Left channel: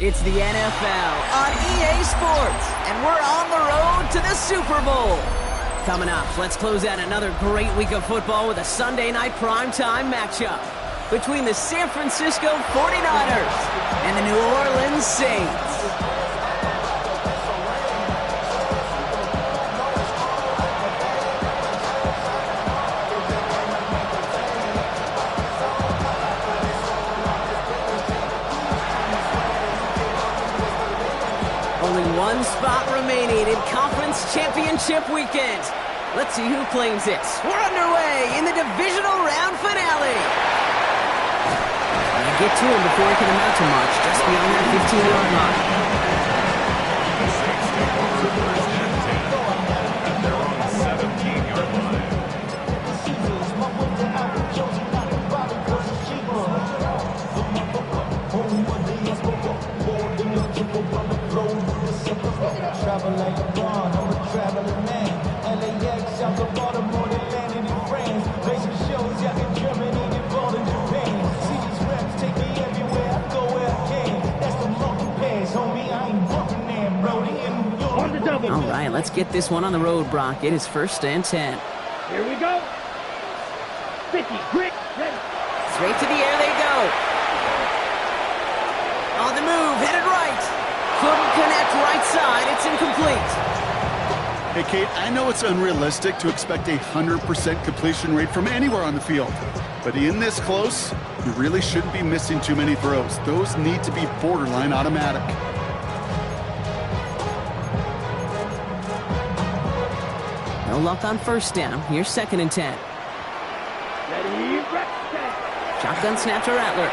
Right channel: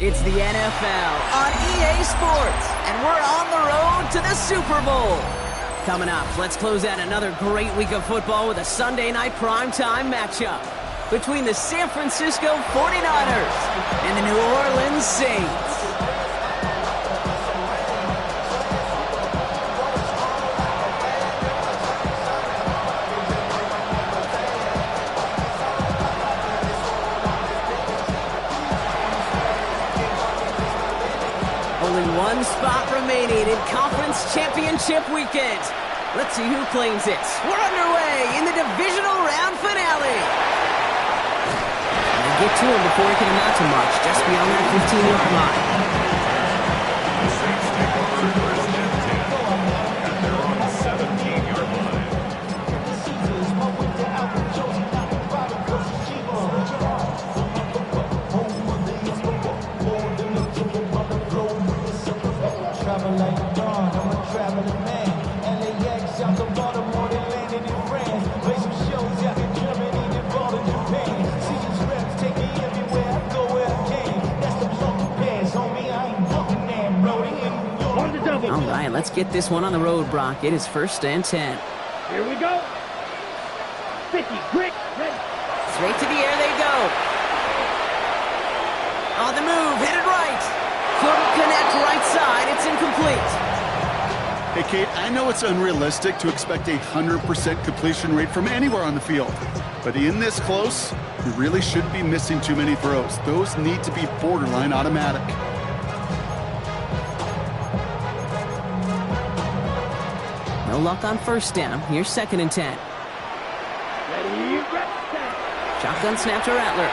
It's the NFL on EA Sports, and we're on the road to the Super Bowl. Coming up, let's close out another great week of football with a Sunday night primetime matchup between the San Francisco 49ers and the New Orleans Saints. Only one spot remaining in Conference Championship Weekend. Let's see who claims it. We're underway in the divisional round finale. And they get to him before he can amount to much, just beyond that 15-yard line. The Saints take over first and 10 at their own 17-yard line. Travel like a bond, I'm a traveling man. LAX out to Baltimore, then landed in France. Play some shows out in Germany, then ball in Japan. See these reps take me everywhere, I go where I can. That's the monkey pass, homie, I ain't walking there, Brody. On the double. All right, let's get this one on the road, Brock. It is first and 10. Here we go. 50, Rick, ready. Straight to the air they go. On the move, headed right. Couldn't connect right side. It's incomplete. Hey, Kate, I know it's unrealistic to expect a 100% completion rate from anywhere on the field. But in this close, you really shouldn't be missing too many throws. Those need to be borderline automatic. No luck on first down. Here's second and 10. Ready, rep, set. Shotgun snap to Rattler.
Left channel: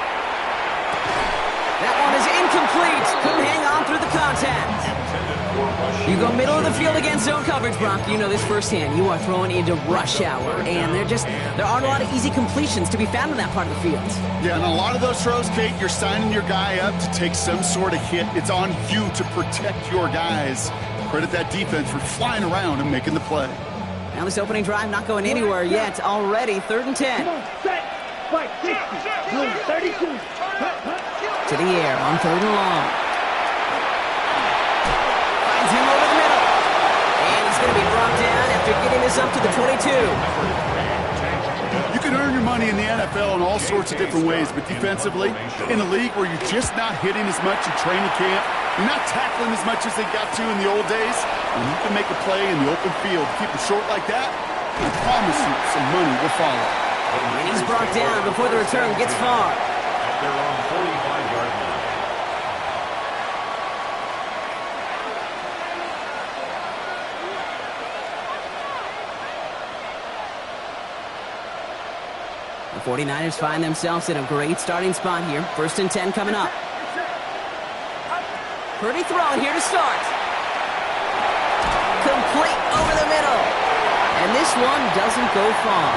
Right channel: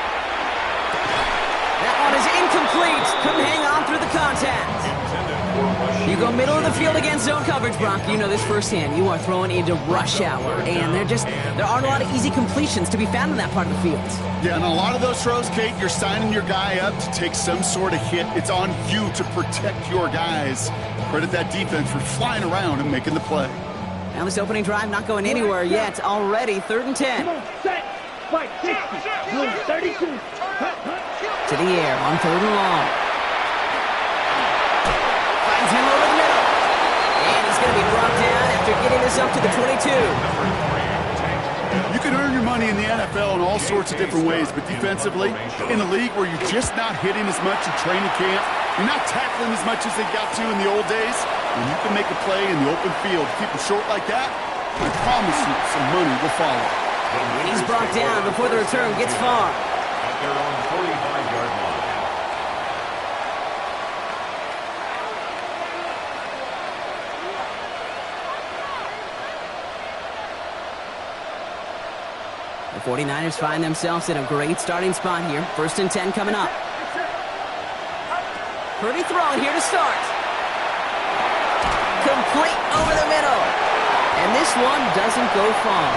That one is incomplete. Couldn't hang on through the contact. You go middle of the field against zone coverage, Brock. You know this firsthand. You are throwing into rush hour, and there aren't a lot of easy completions to be found in that part of the field. Yeah, and a lot of those throws, Kate, you're signing your guy up to take some sort of hit. It's on you to protect your guys. Credit that defense for flying around and making the play. Now this opening drive not going anywhere yet. Already 3rd and 10. Come on, set. Fight 60. Blue 32. To the air on 3rd and long. Finds him over the middle. And he's going to be brought down after getting this up to the 22. You can earn your money in the NFL in all sorts of different ways, but defensively, in a league where you're just not hitting as much in training camp, you're not tackling as much as they got to in the old days, when you can make a play in the open field, keep it short like that, I promise you some money will follow. And he's brought down before the return gets far. At their own 45-yard line. The 49ers find themselves in a great starting spot here. 1st and 10 coming up. Purdy throwing here to start. Complete over the middle. And this one doesn't go far.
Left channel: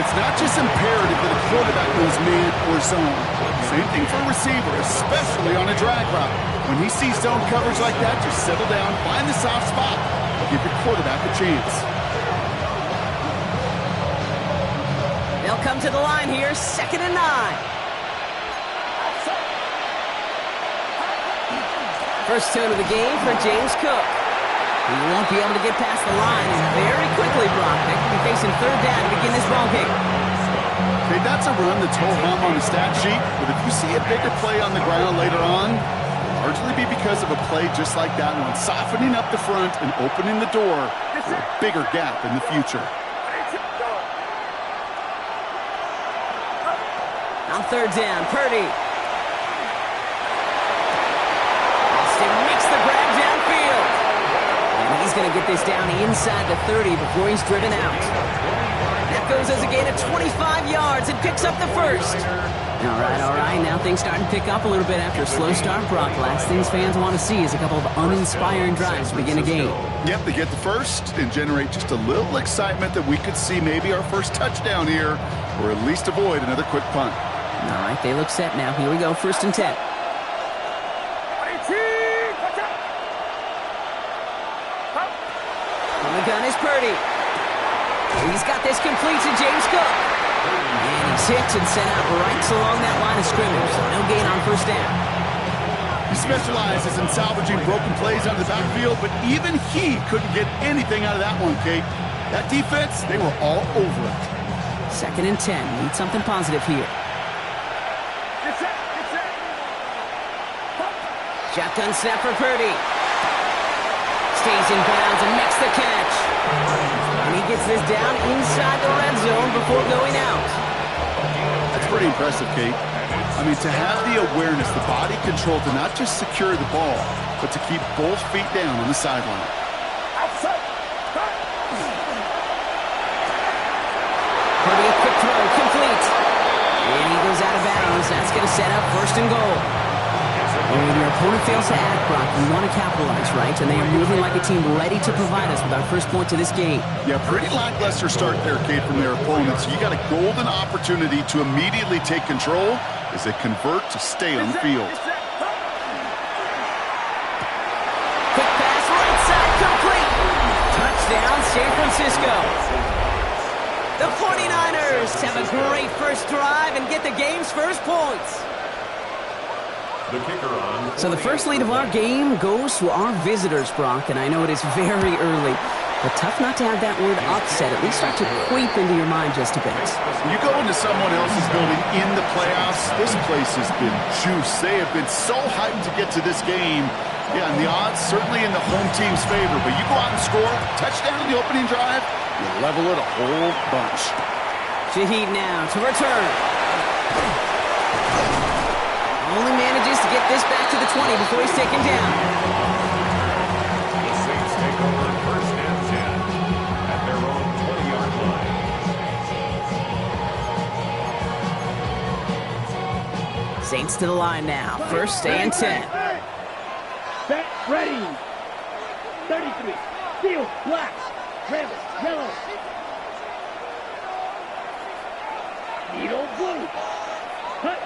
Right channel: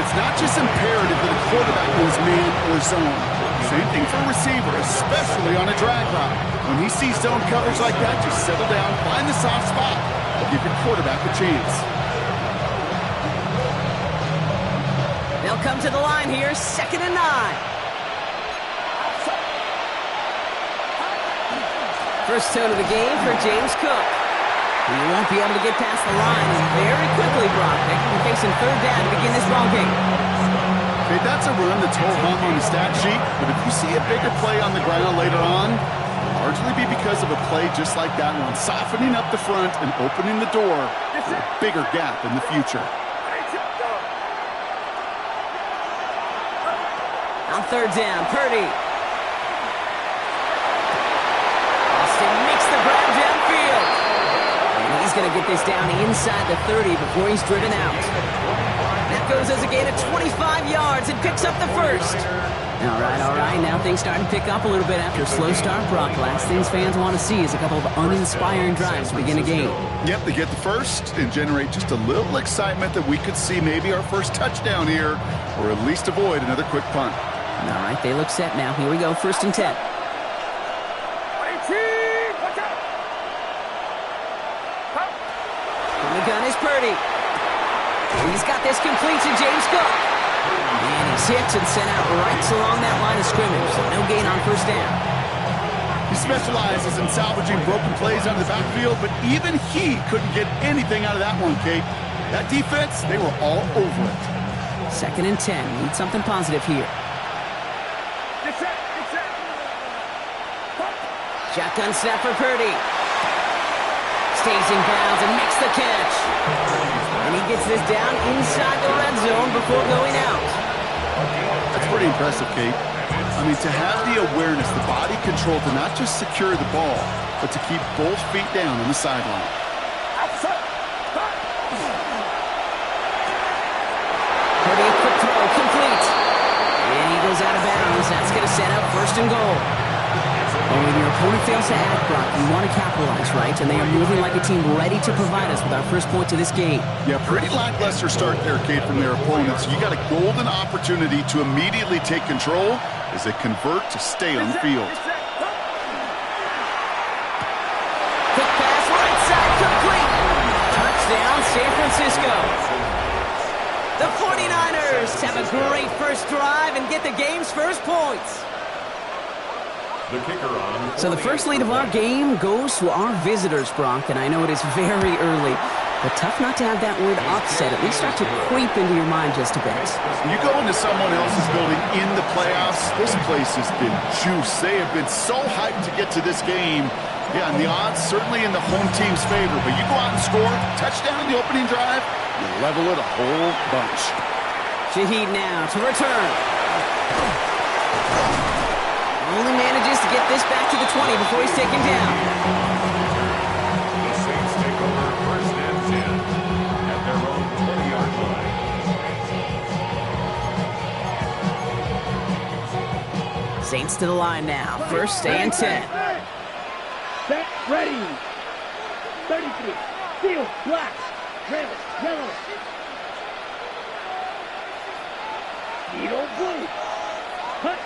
It's not just imperative that a quarterback knows man or zone. Same thing for a receiver, especially on a drag route. When he sees zone coverage like that, just settle down, find the soft spot, and give your quarterback a chance. They'll come to the line here, 2nd and 9. First tone of the game for James Cook. He won't be able to get past the line, and very quickly, Brock, they're going to be facing 3rd down to begin this ball game. Okay, that's a run that's ho-hum on the stat sheet, but if you see a bigger play on the ground later on, it'll largely be because of a play just like that one, softening up the front and opening the door for a bigger gap in the future. On 3rd down, Purdy. Austin makes the grab downfield. And he's going to get this down inside the 30 before he's driven out. That goes as a gain of 25 yards and picks up the first. All right. Now things starting to pick up a little bit after a slow start, Brock. Last things fans want to see is a couple of uninspiring drives to begin a game. Yep, they get the first and generate just a little excitement that we could see maybe our first touchdown here, or at least avoid another quick punt. All right, they look set now. Here we go, 1st and 10. On the gun is Purdy. He's got this complete to James Cook. And he's hit and sent out right along that line of scrimmage, so no gain on first down. He specializes in salvaging broken plays out of the backfield, but even he couldn't get anything out of that one, Kate. That defense, they were all over it. 2nd and 10. Need something positive here. Shotgun snap for Purdy. Stays in bounds and makes the catch. And he gets this down inside the red zone before going out. That's pretty impressive, Kate. I mean, to have the awareness, the body control to not just secure the ball, but to keep both feet down on the sideline. Purdy, a quick throw, complete. And he goes out of bounds. That's going to set up 1st and goal. And when your opponent fails to act, Brock, you want to capitalize, right? And they are moving like a team ready to provide us with our first point to this game. Yeah, pretty lackluster start there, Kate, from their opponents. You got a golden opportunity to immediately take control as they convert to stay on the field. Quick pass, right side, complete. Touchdown, San Francisco. The 49ers have a great first drive and get the game's first points. The kicker on. So the first lead of our game goes to our visitors, Brock, and I know it is very early, but tough not to have that word upset at least start to creep into your mind just a bit. You go into someone else's building in the playoffs, this place has been juiced. They have been so hyped to get to this game. Yeah, and the odds certainly in the home team's favor, but you go out and score, touchdown in the opening drive, you level it a whole bunch. Shaheed now to return. Only manages to get this back to the 20 before he's taken down. The Saints take over 1st and 10 at their own 20-yard line. Saints to the line now. 1st and 10. Set, ready. 33. Field, black. Travis, yellow. Needle, blue. Cut.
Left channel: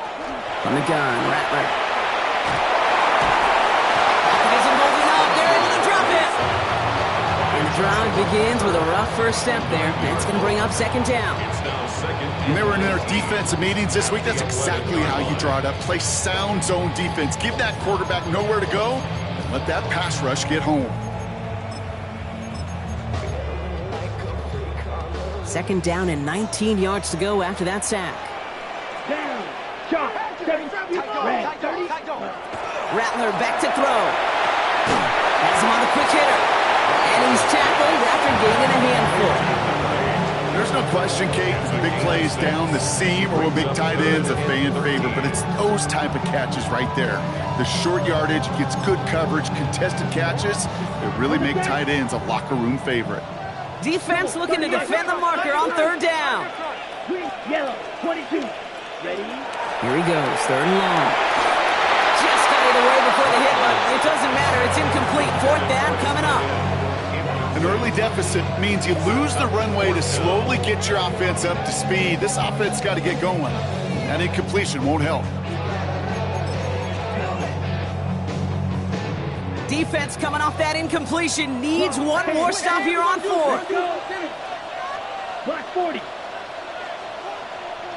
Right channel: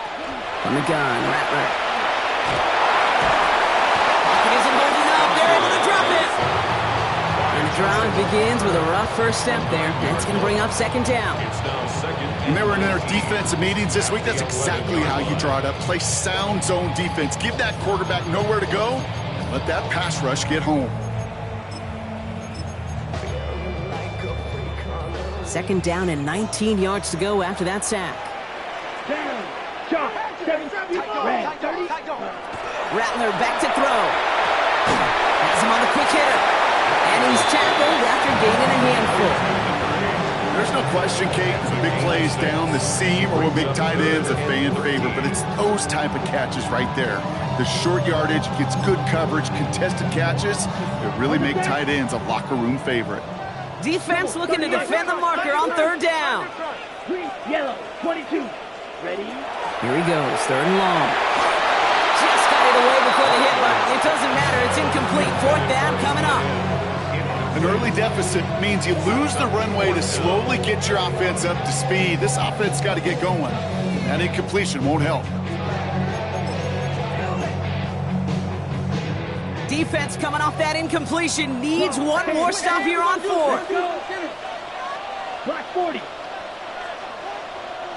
On the gun, Rattler. Pocket isn't holding up. They're able to drop it. And the drive begins with a rough first step there. That's going to bring up 2nd down. It's now 2nd. When they were in their defensive meetings this week, that's exactly how you draw it up. Play sound zone defense. Give that quarterback nowhere to go, and let that pass rush get home. 2nd down and 19 yards to go after that sack. Down. Shot. 7. Red. 30. Rattler back to throw. Has him on the quick hitter. And he's tackled after gaining a handful. There's no question, Kate, big plays down the seam or with big tight ends, a fan favorite, but it's those type of catches right there. The short yardage, gets good coverage, contested catches that really make tight ends a locker room favorite. Defense looking to defend the marker on 3rd down. Green, yellow, 22. Ready? Here he goes, 3rd and long. Just got it away before the hit, but it doesn't matter. It's incomplete. 4th down coming up. An early deficit means you lose the runway to slowly get your offense up to speed. This offense got to get going. That incompletion won't help. Defense coming off that incompletion needs one more stop here on 4th. Black 40.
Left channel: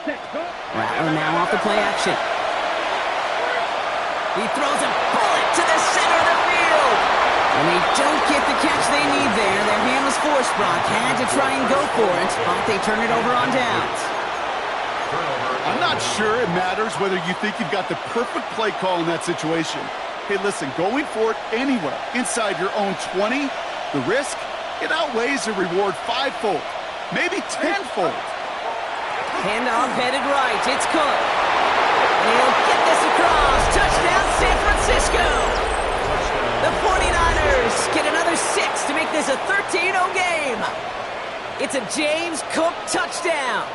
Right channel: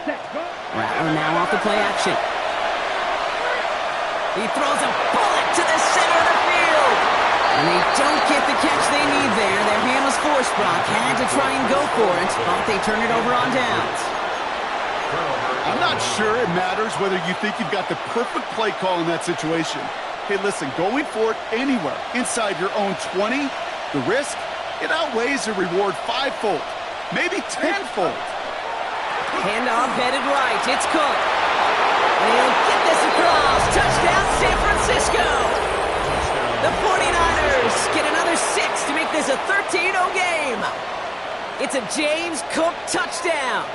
Rattler now off the play action. He throws a bullet to the center of the field. And they don't get the catch they need there. Their hand was forced, Brock. Had to try and go for it, but they turn it over on downs. I'm not sure it matters whether you think you've got the perfect play call in that situation. Hey, listen, going for it anywhere inside your own 20, the risk, it outweighs the reward 5-fold, maybe 10-fold. Handoff headed right. It's Cook. And he'll get this across. Touchdown, San Francisco. The 49ers get another 6 to make this a 13-0 game. It's a James Cook touchdown.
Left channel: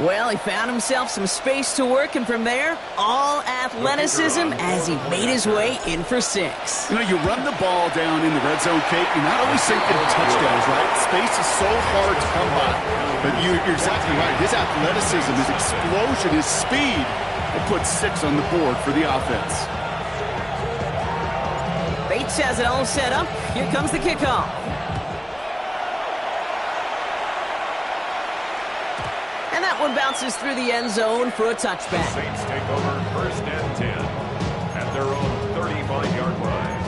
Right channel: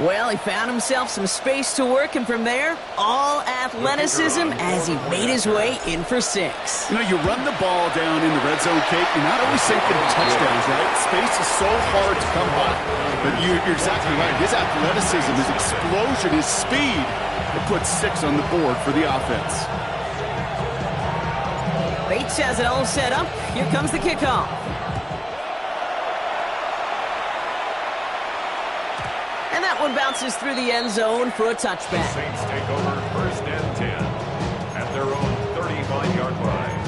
Well, he found himself some space to work, and from there, all athleticism as he made his way in for 6. You know, you run the ball down in the red zone, Kate, you're not always thinking touchdowns, right? Space is so hard to come by. But you're exactly right. His athleticism, his explosion, his speed, it puts 6 on the board for the offense. Bates has it all set up. Here comes the kickoff. And that one bounces through the end zone for a touchback. The Saints take over 1st and 10 at their own 35-yard line.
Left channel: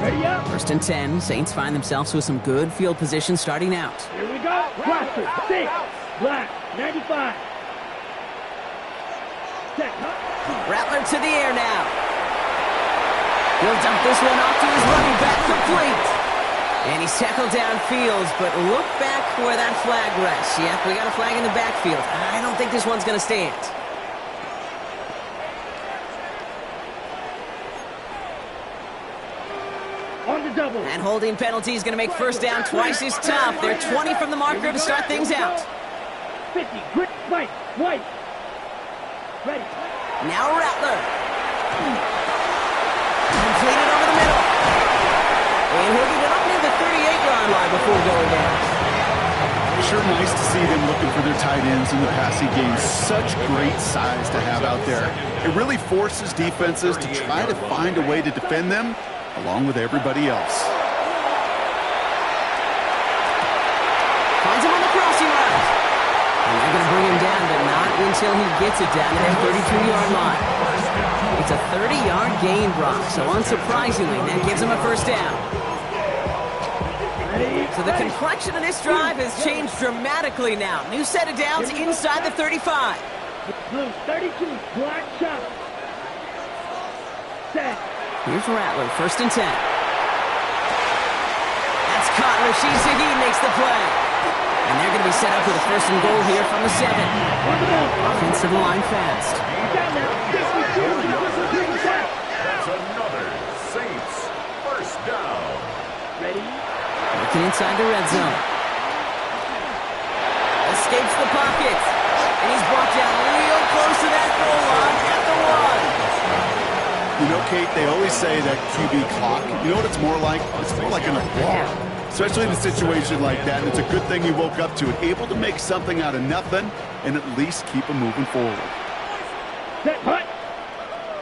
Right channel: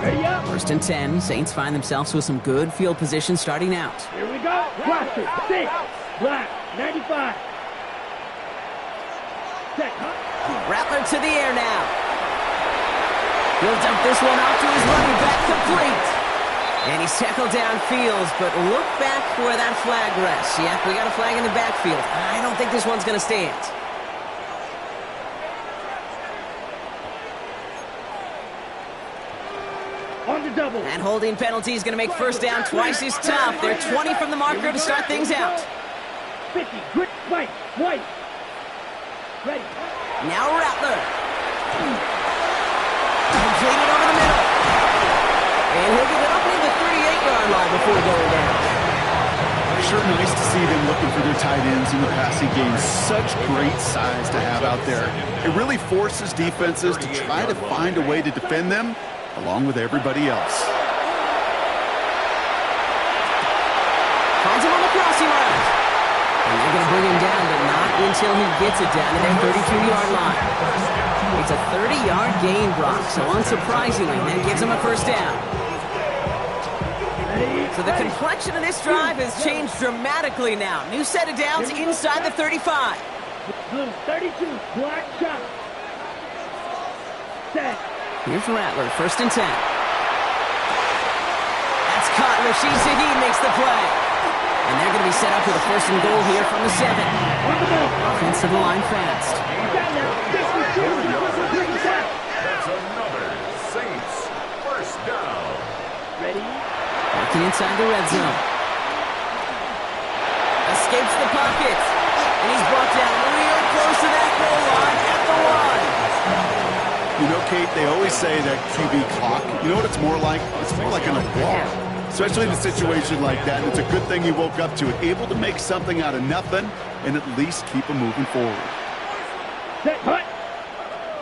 Ready up. 1st and 10. Saints find themselves with some good field position starting out. Here we go. Blaster, 6. Black, 95. Set, Rattler to the air now. He'll dump this one off to his running back, complete. And he's tackled downfield, but look back where that flag rests. Yep, we got a flag in the backfield. I don't think this one's going to stand. On the double. And holding penalty is going to make 1st down twice as tough. They're 20 from the marker to start things out. 50, grit, white, white. Ready. Now Rattler. Completed over the middle. And he'll get it up near the 38-yard line before going down. Sure nice to see them looking for their tight ends in the passing game. Such great size to have out there. It really forces defenses to try to find a way to defend them along with everybody else. Finds him on the crossing route. And they're going to bring him down, but not until he gets it down to their 32-yard line. It's a 30-yard gain, Brock, so unsurprisingly, that gives him a 1st down. So the complexion of this drive has changed dramatically now. New set of downs inside the 35. Blue, 32, black shot. Set. Here's Rattler, 1st and 10. That's caught. Rashid Shaheed makes the play. And they're going to be set up with a 1st and goal here from the 7. Offense to the line fast. That's another Saints 1st down. Ready. Working inside the red zone. Escapes the pocket. And he's brought down real close to that goal line at the 1. You know, Kate, they always say that QB clock, you know what it's more like? It's more like an alarm. Especially in a situation like that. It's a good thing he woke up to it. Able to make something out of nothing and at least keep him moving forward. Set, hut.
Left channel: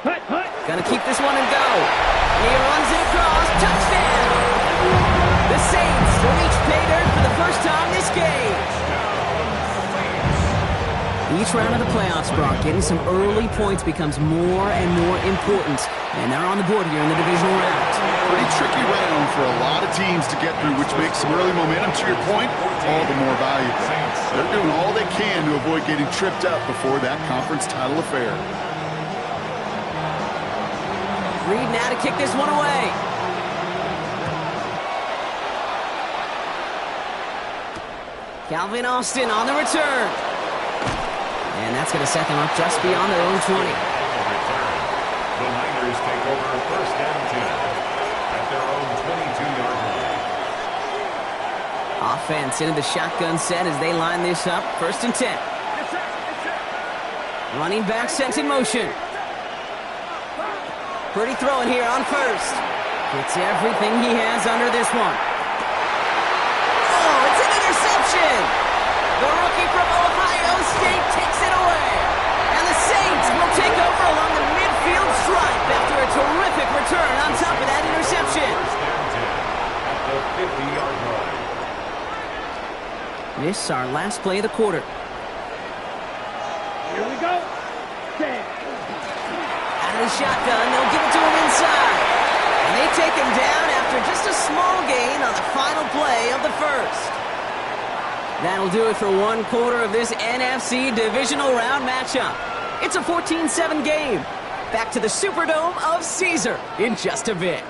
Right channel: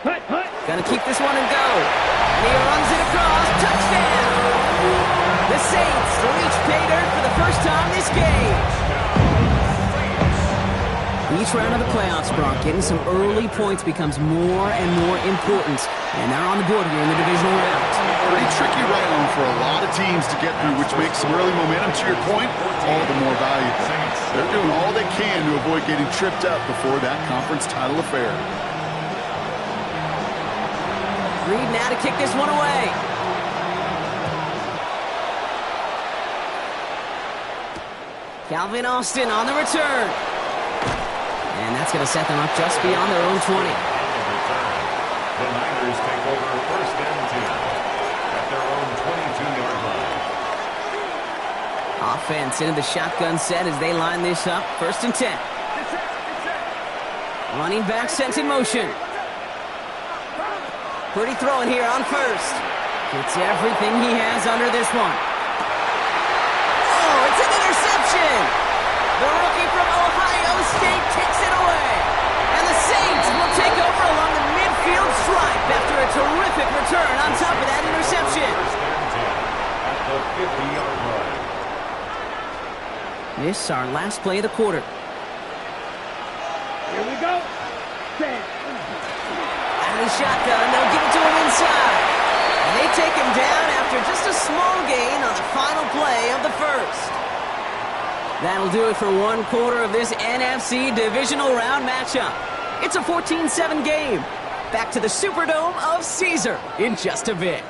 Hut, hut. Gonna keep this one and go. And he runs it across. Touchdown! The Saints reach pay dirt for the first time this game. Each round of the playoffs, Brock, getting some early points becomes more and more important. And they're on the board here in the divisional round. Pretty tricky round for a lot of teams to get through, which makes some early momentum, to your point, all the more valuable. They're doing all they can to avoid getting tripped up before that conference title affair. Reed now to kick this one away. Calvin Austin on the return. And that's going to set them up just beyond their own 20. On the return, the Niners take over 1st and 10 at their own 22-yard line. Offense into the shotgun set as they line this up. 1st and 10. Running back sent in motion. Pretty throwing here on 1st. Gets everything he has under this one. Oh, it's an interception! The rookie from Ohio State takes it away. And the Saints will take over along the midfield stripe after a terrific return on top of that interception. 1st and 10 at the 50-yard line. This is our last play of the quarter. Here we go. Set. Out of the shotgun, they'll give it to him inside. And they take him down after just a small gain on the final play of the 1st. That'll do it for one quarter of this NFC divisional round matchup. It's a 14-7 game. Back to the Superdome of Caesar in just a bit.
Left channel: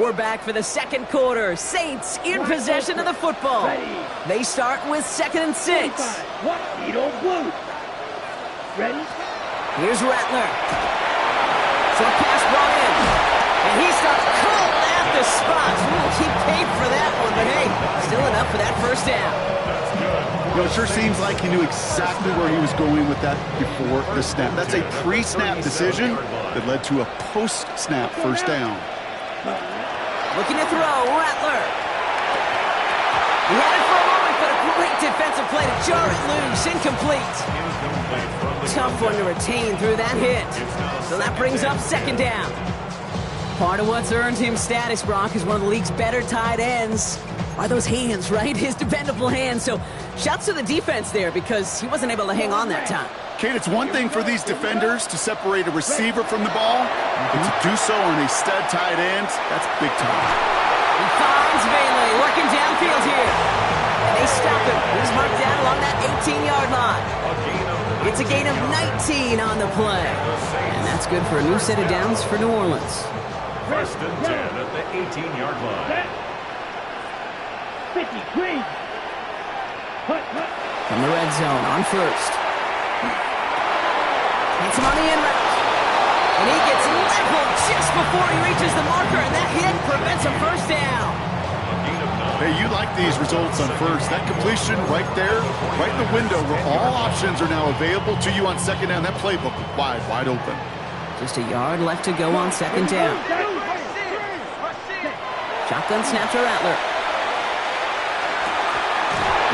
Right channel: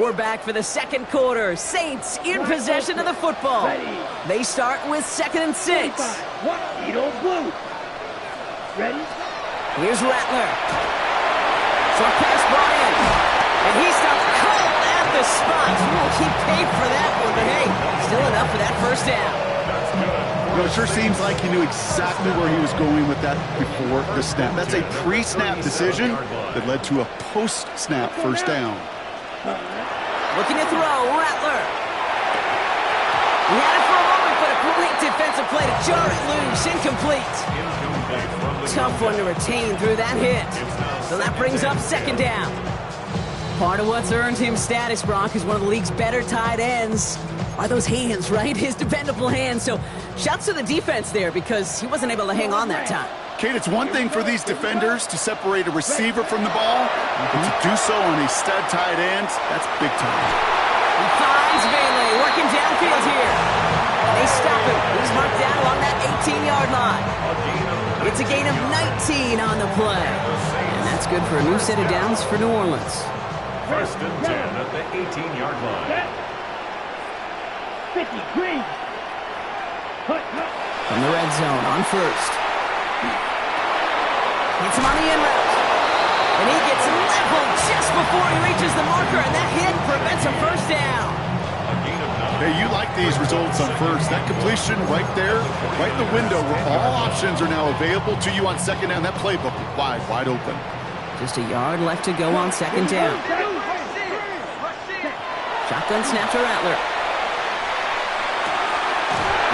We're back for the 2nd quarter. Saints in possession of the football. They start with 2nd and 6. What? Edo Blue. Ready? Here's Rattler. Short pass brought in. And he stops cold at the spot. We'll keep paid for that one, but hey, still enough for that 1st down. That's good. You know, it sure seems like he knew exactly where he was going with that before the snap. That's a pre-snap decision that led to a post-snap 1st down. Looking to throw, Rattler. He had it for a moment, but a great defensive play to jar it loose. Incomplete. Incomplete from the Tough one to retain through that hit. So that brings up second down. Part of what's earned him status, Brock, is one of the league's better tight ends. Are those hands, right? His dependable hands. So shouts to the defense there because he wasn't able to hang on that time. Kate, it's one thing for these defenders to separate a receiver from the ball, but to do so on a stud tight end, that's big time. He finds Bailey working downfield here. And they stop him. He's marked down along that 18-yard line. It's a gain of 19 on the play. And that's good for a new set of downs for New Orleans. First and 10 at the 18-yard line. 50, green. From the red zone on first. Hits him on the in route. And he gets leveled just before he reaches the marker, and that hit prevents a first down. Hey, you like these results on first. That completion right there, right in the window where all options are now available to you on second down. That playbook wide open. Just a yard left to go on second down. Shotgun snap to Rattler.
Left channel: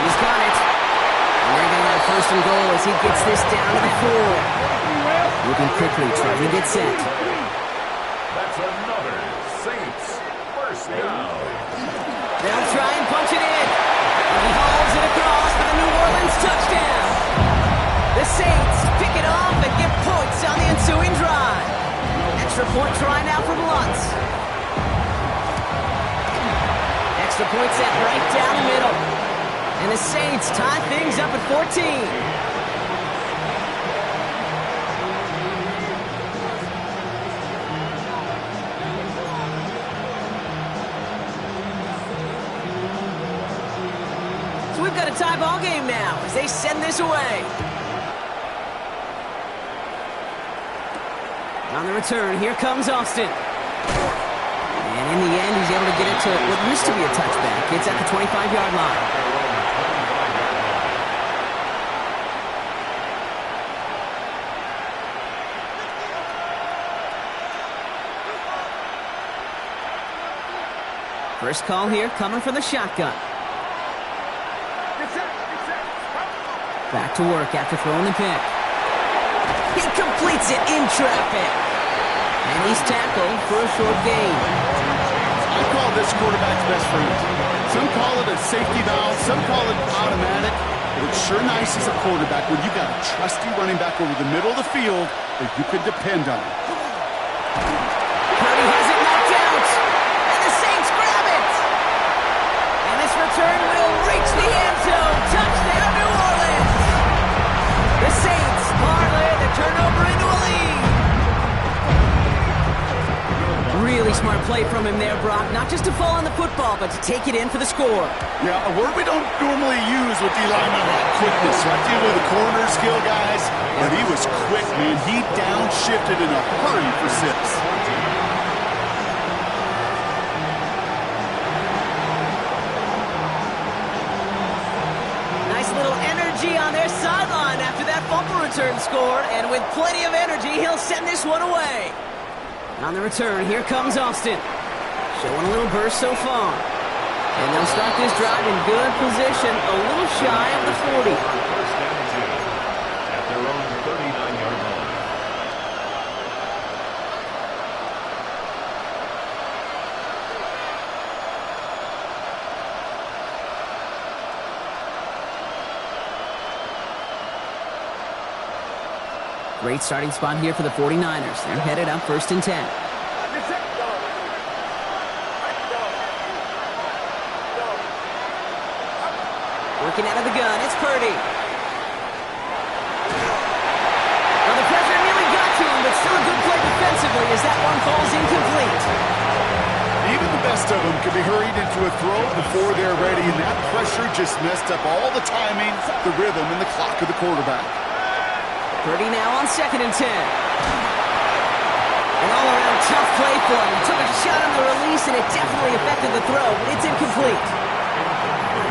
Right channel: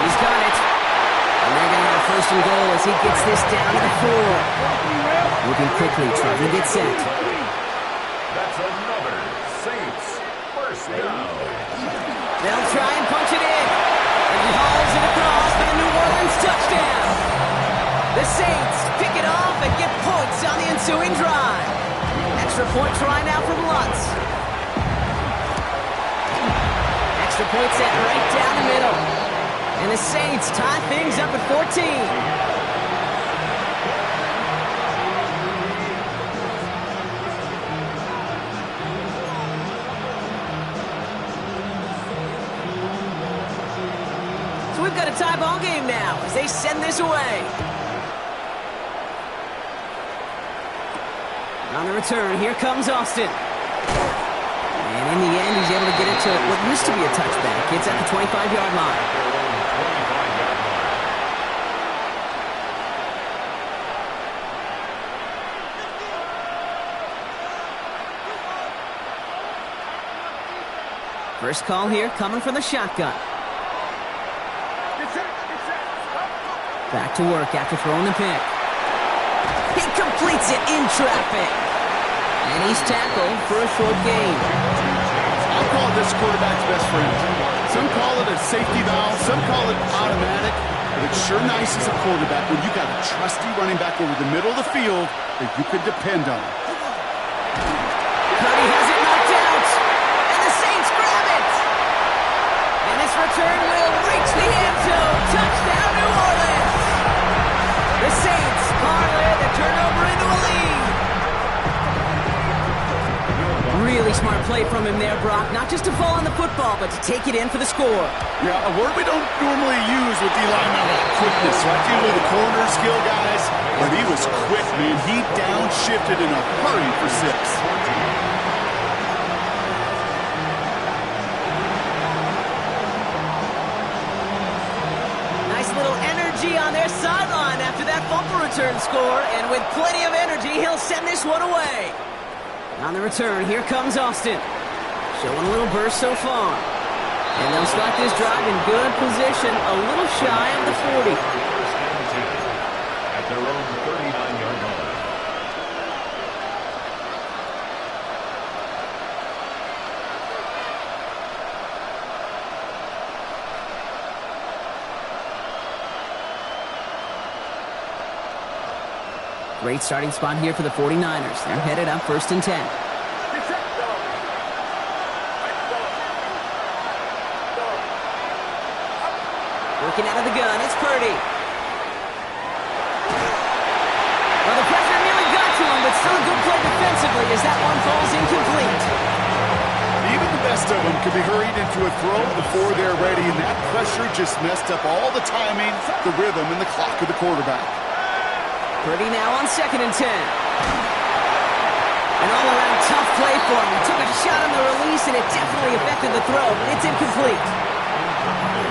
He's got it. And they're going to have first and goal as he gets this down to the 4. Moving quickly, trying to get set. That's another Saints first down. They'll try and punch it in. And he hauls it across for the New Orleans touchdown. The Saints pick it off and get points on the ensuing drive. Extra point try now from Lutz. Extra point set right down the middle. And the Saints tie things up at 14. So we've got a tie ball game now as they send this away. On the return, here comes Austin. And in the end, he's able to get it to what used to be a touchback. It's at the 25-yard line. First call here coming from the shotgun. Back to work after throwing the pick. He completes it in traffic. And he's tackled for a short gain. I call this quarterback's best friend. Some call it a safety valve, some call it automatic, but it's sure nice as a quarterback when you got a trusty running back over the middle of the field that you can depend on. Purdy has it knocked out, and the Saints grab it. And this return will reach the end zone. Touchdown, New Orleans. The Saints parlay the turnover into a lead. Really smart play from him there, Brock. Not just to fall on the football, but to take it in for the score. Yeah, a word we don't normally use with D linemen about quickness, right? Dealing with the corner skill guys, but he was quick, man. He downshifted in a hurry for 6. Nice little energy on their sideline after that fumble return score, and with plenty of energy, he'll send this one away. On the return, here comes Austin. Showing a little burst so far. And they'll start this drive in good position, a little shy of the 40. First and 10 at their own 39-yard line. Great starting spot here for the 49ers. They're headed up first and 10. Working out of the gun, it's Purdy. Well, the pressure nearly got to him, but still a good play defensively as that one falls incomplete. Even the best of them could be hurried into a throw before they're ready, and that pressure just messed up all the timing, the rhythm, and the clock of the quarterback. Purdy now on second and 10. An all-around tough play for him. He took a shot on the release, and it definitely affected the throw, but it's incomplete.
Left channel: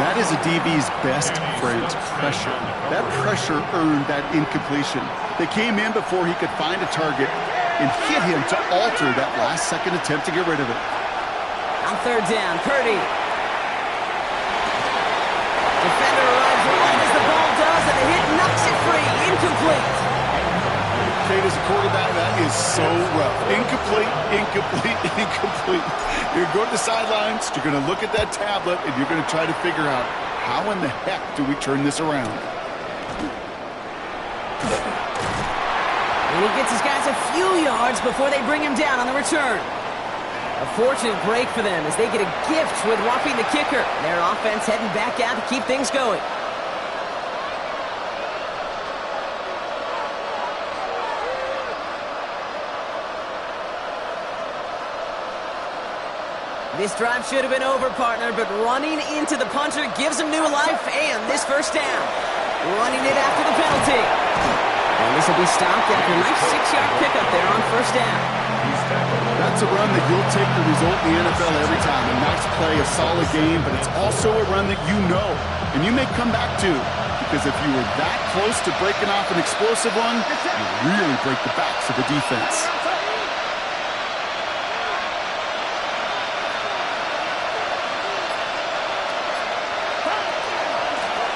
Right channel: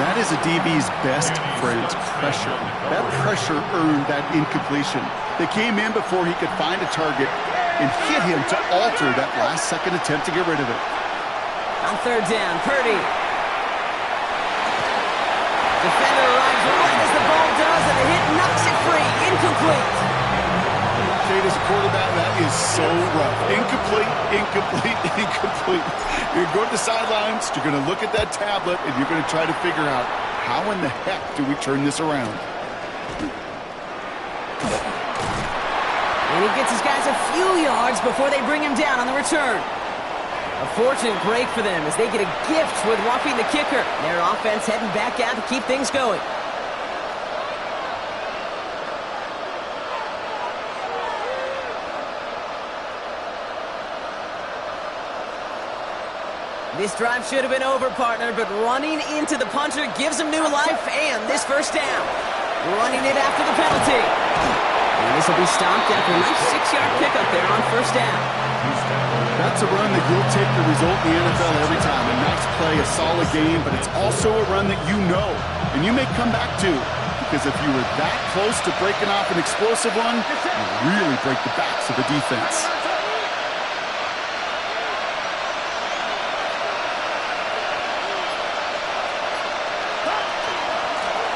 That is a DB's best friend, pressure. That pressure earned that incompletion. They came in before he could find a target and hit him to alter that last-second attempt to get rid of it. On third down, Purdy. Defender arrives right as the ball does, and the hit knocks it free. Incomplete. Kate, as a quarterback, that is so rough. Incomplete, incomplete, incomplete. You're going to the sidelines, you're going to look at that tablet, and you're going to try to figure out how in the heck do we turn this around. And he gets his guys a few yards before they bring him down on the return. A fortunate break for them as they get a gift with roughing the kicker. Their offense heading back out to keep things going. This drive should have been over, partner, but running into the punter gives him new life and this first down. Running it after the penalty. And this will be stopped after a nice 6-yard pickup there on first down. That's a run that you'll take the result in the NFL every time. A nice play, a solid game, but it's also a run that you know and you may come back to, because if you were that close to breaking off an explosive one, you really break the backs of the defense.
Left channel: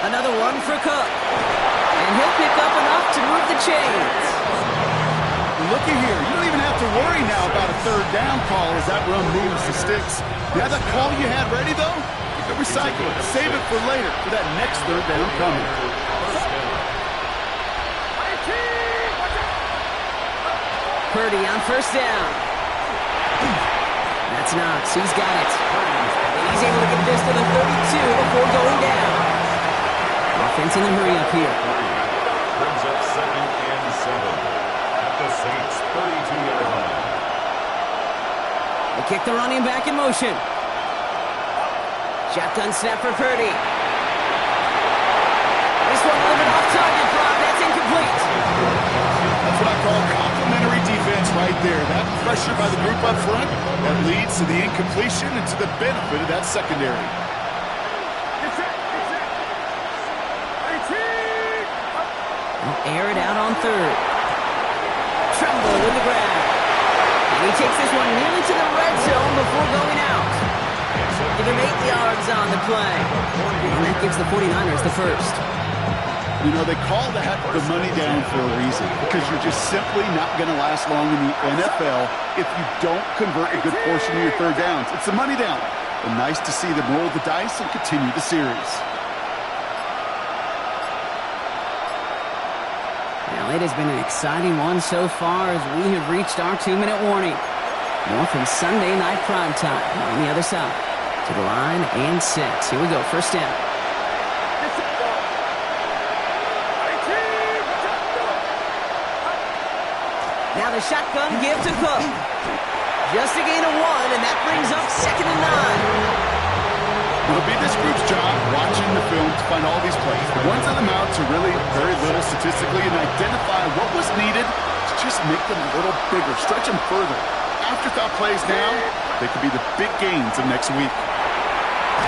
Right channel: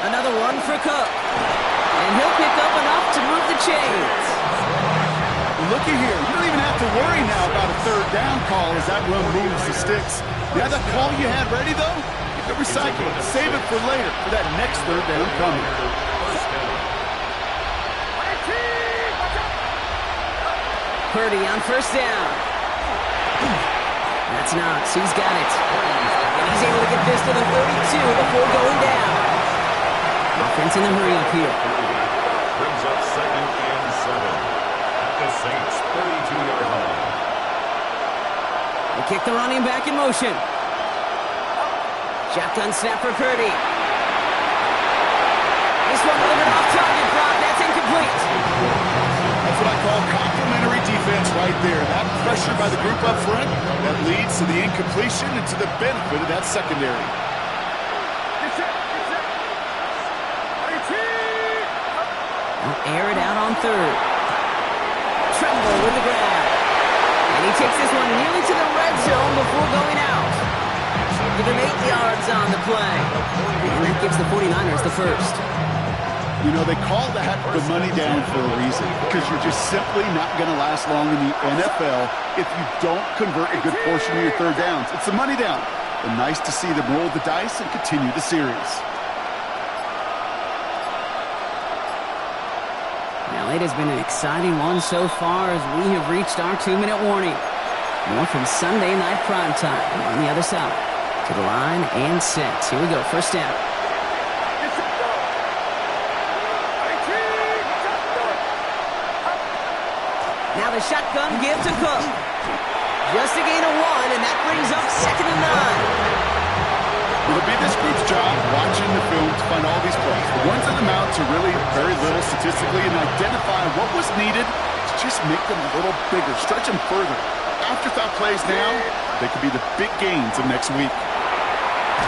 Another one for Cook. And he'll pick up enough to move the chains. Looky here, you don't even have to worry now about a third down call as that run moves the sticks. You have that call you had ready, though? You can recycle it, save it for later, for that next third down coming. Purdy on first down. That's Knox, he's got it. And he's able to get this to the 32 before going down. Offense in the hurry up here. Brings up 2nd and 7 at the Saints' 32-yard line. They kick the running back in motion. Shotgun snap for Purdy. This one delivered off target, Brock. That's incomplete. That's what I call complementary defense right there. That pressure by the group up front, that leads to the incompletion and to the benefit of that secondary. They'll air it out on third. Tremble with the grab. And he takes this one nearly to the red zone before going out. Give him 8 yards on the play. And that gives the 49ers the first. You know, they call that the money down for a reason, because you're just simply not going to last long in the NFL if you don't convert a good portion of your third downs. It's the money down. But nice to see them roll the dice and continue the series. Well, it has been an exciting one so far as we have reached our 2-minute warning. More from Sunday night primetime on the other side. To the line and set. Here we go, first down. Now the shotgun give to Cook. Just a gain of 1, and that brings up 2nd and 9. It'll be this group's job watching the film to find all these plays. The ones that amount to really very little statistically, and identify what was needed to just make them a little bigger, stretch them further. Afterthought plays now, they could be the big gains of next week.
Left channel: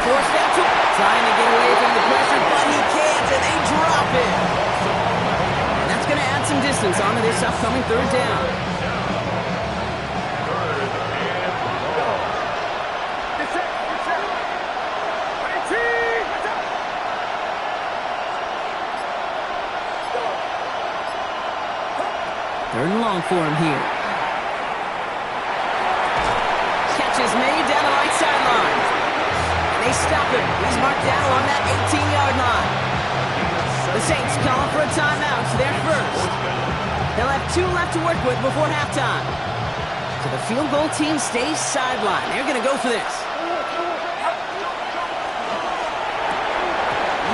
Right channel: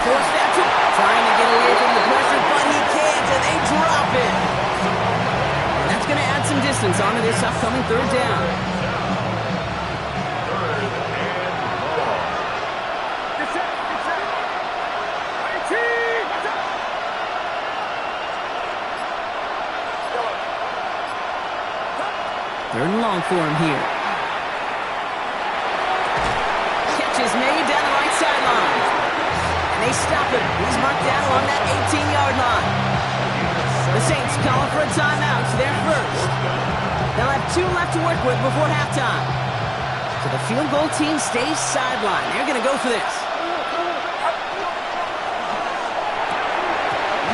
Forced out to trying to get away from the pressure, but he can't, and they drop it. And that's going to add some distance onto this upcoming third down. Third and long for him here. Catch is made down the right sideline. And they stop him. He's marked down along that 18-yard line. The Saints calling for a timeout. They're first. They'll have 2 left to work with before halftime. So the field goal team stays sidelined. They're going to go for this.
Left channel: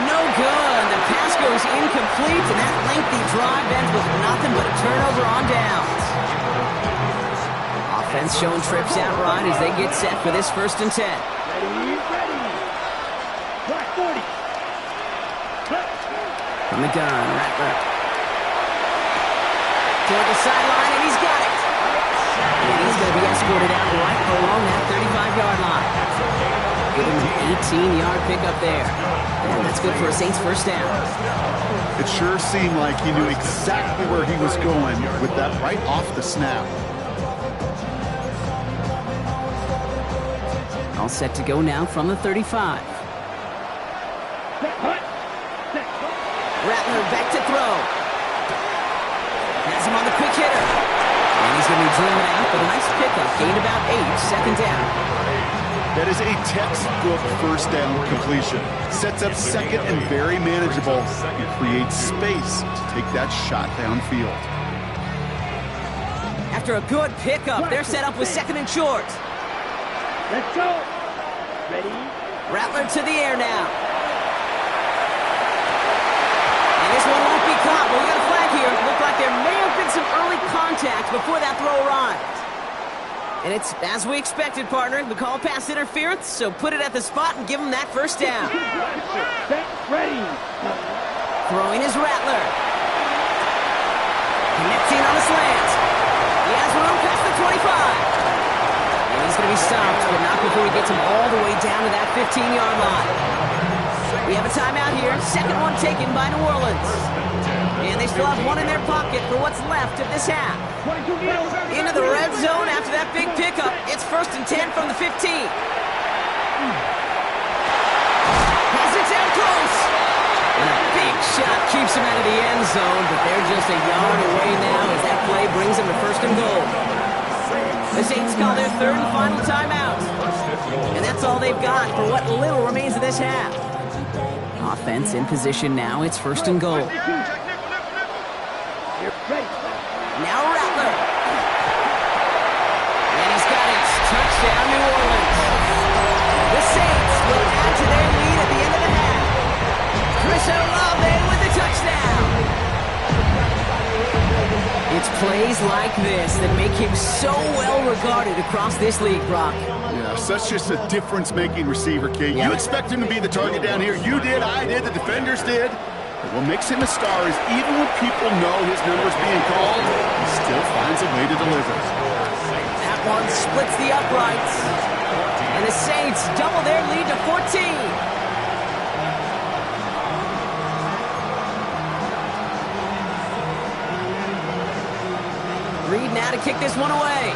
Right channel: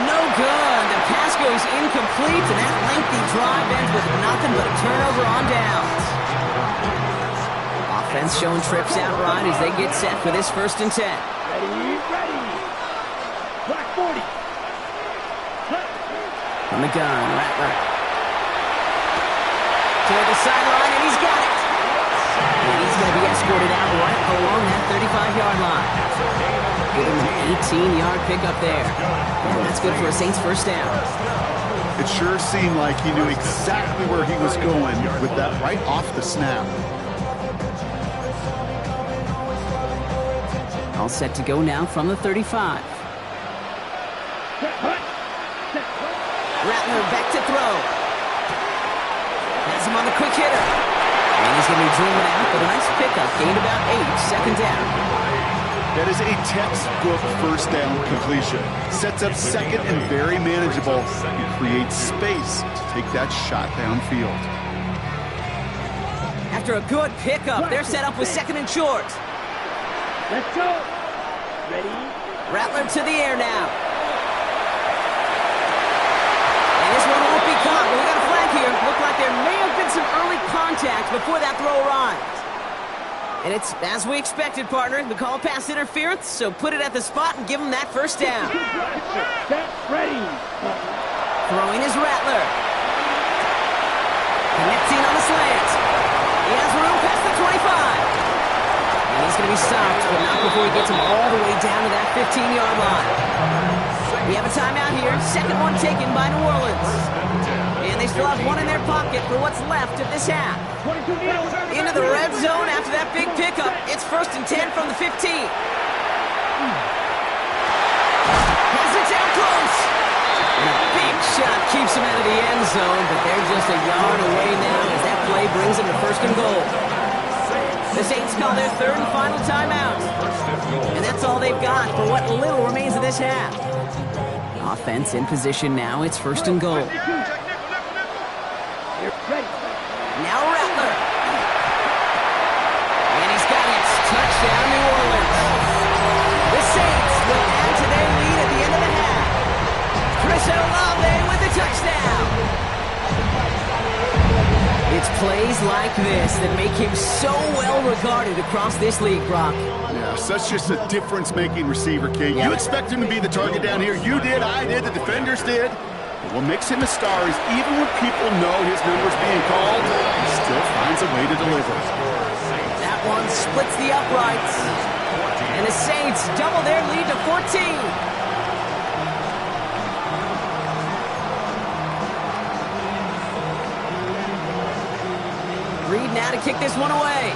No good. The pass goes incomplete, and that lengthy drive ends with nothing but a turnover on downs. Offense showing trips out right as they get set for this 1st and 10. Ready. Black 40. From the gun, Rattler. Toward the sideline, and he's got it. And he's going to be escorted out right along that 35-yard line. Give him an 18-yard pickup there. And that's good for a Saints first down. It sure seemed like he knew exactly where he was going with that right off the snap. All set to go now from the 35. Rattler back to throw. Has him on the quick hitter. And he's going to be driven out, but a nice pickup. Gained about 8, second down. That is a textbook first down completion. Sets up second and very manageable and creates space to take that shot downfield. After a good pickup, they're set up with second and short. Let's go. Ready? Rattler to the air now. And this one won't be caught, but we got a flag here. Looked like there may have been some early contact before that throw arrived. And it's as we expected, partner. The call pass interference, so put it at the spot and give him that first down. Set, ready. Throwing is Rattler. Connecting on a slant. He has room past the 25. And he's going to be stopped, but not before he gets him all the way down to that 15-yard line. We have a timeout here. Second one taken by New Orleans. And they still have one in their pocket for what's left of this half. Into the red zone after that big pickup. It's 1st and 10 from the 15. Has it down close. And a big shot keeps him out of the end zone, but they're just a yard away now as that play brings them to 1st and goal. The Saints call their third and final timeout. And that's all they've got for what little remains of this half. Offense in position now. It's 1st and goal. Now Rattler. And he's got it. Touchdown, New Orleans. The Saints will add to their lead at the end of the half. Chris Olave with the touchdown. It's plays like this that make him so well regarded across this league, Brock. Yeah, such just a difference-making receiver, Kate. You expect him to be the target down here. You did, I did, the defenders did. But what makes him a star is even when people know his number's being called, he still finds a way to deliver. That one splits the uprights. And the Saints double their lead to 14. Reed now to kick this one away.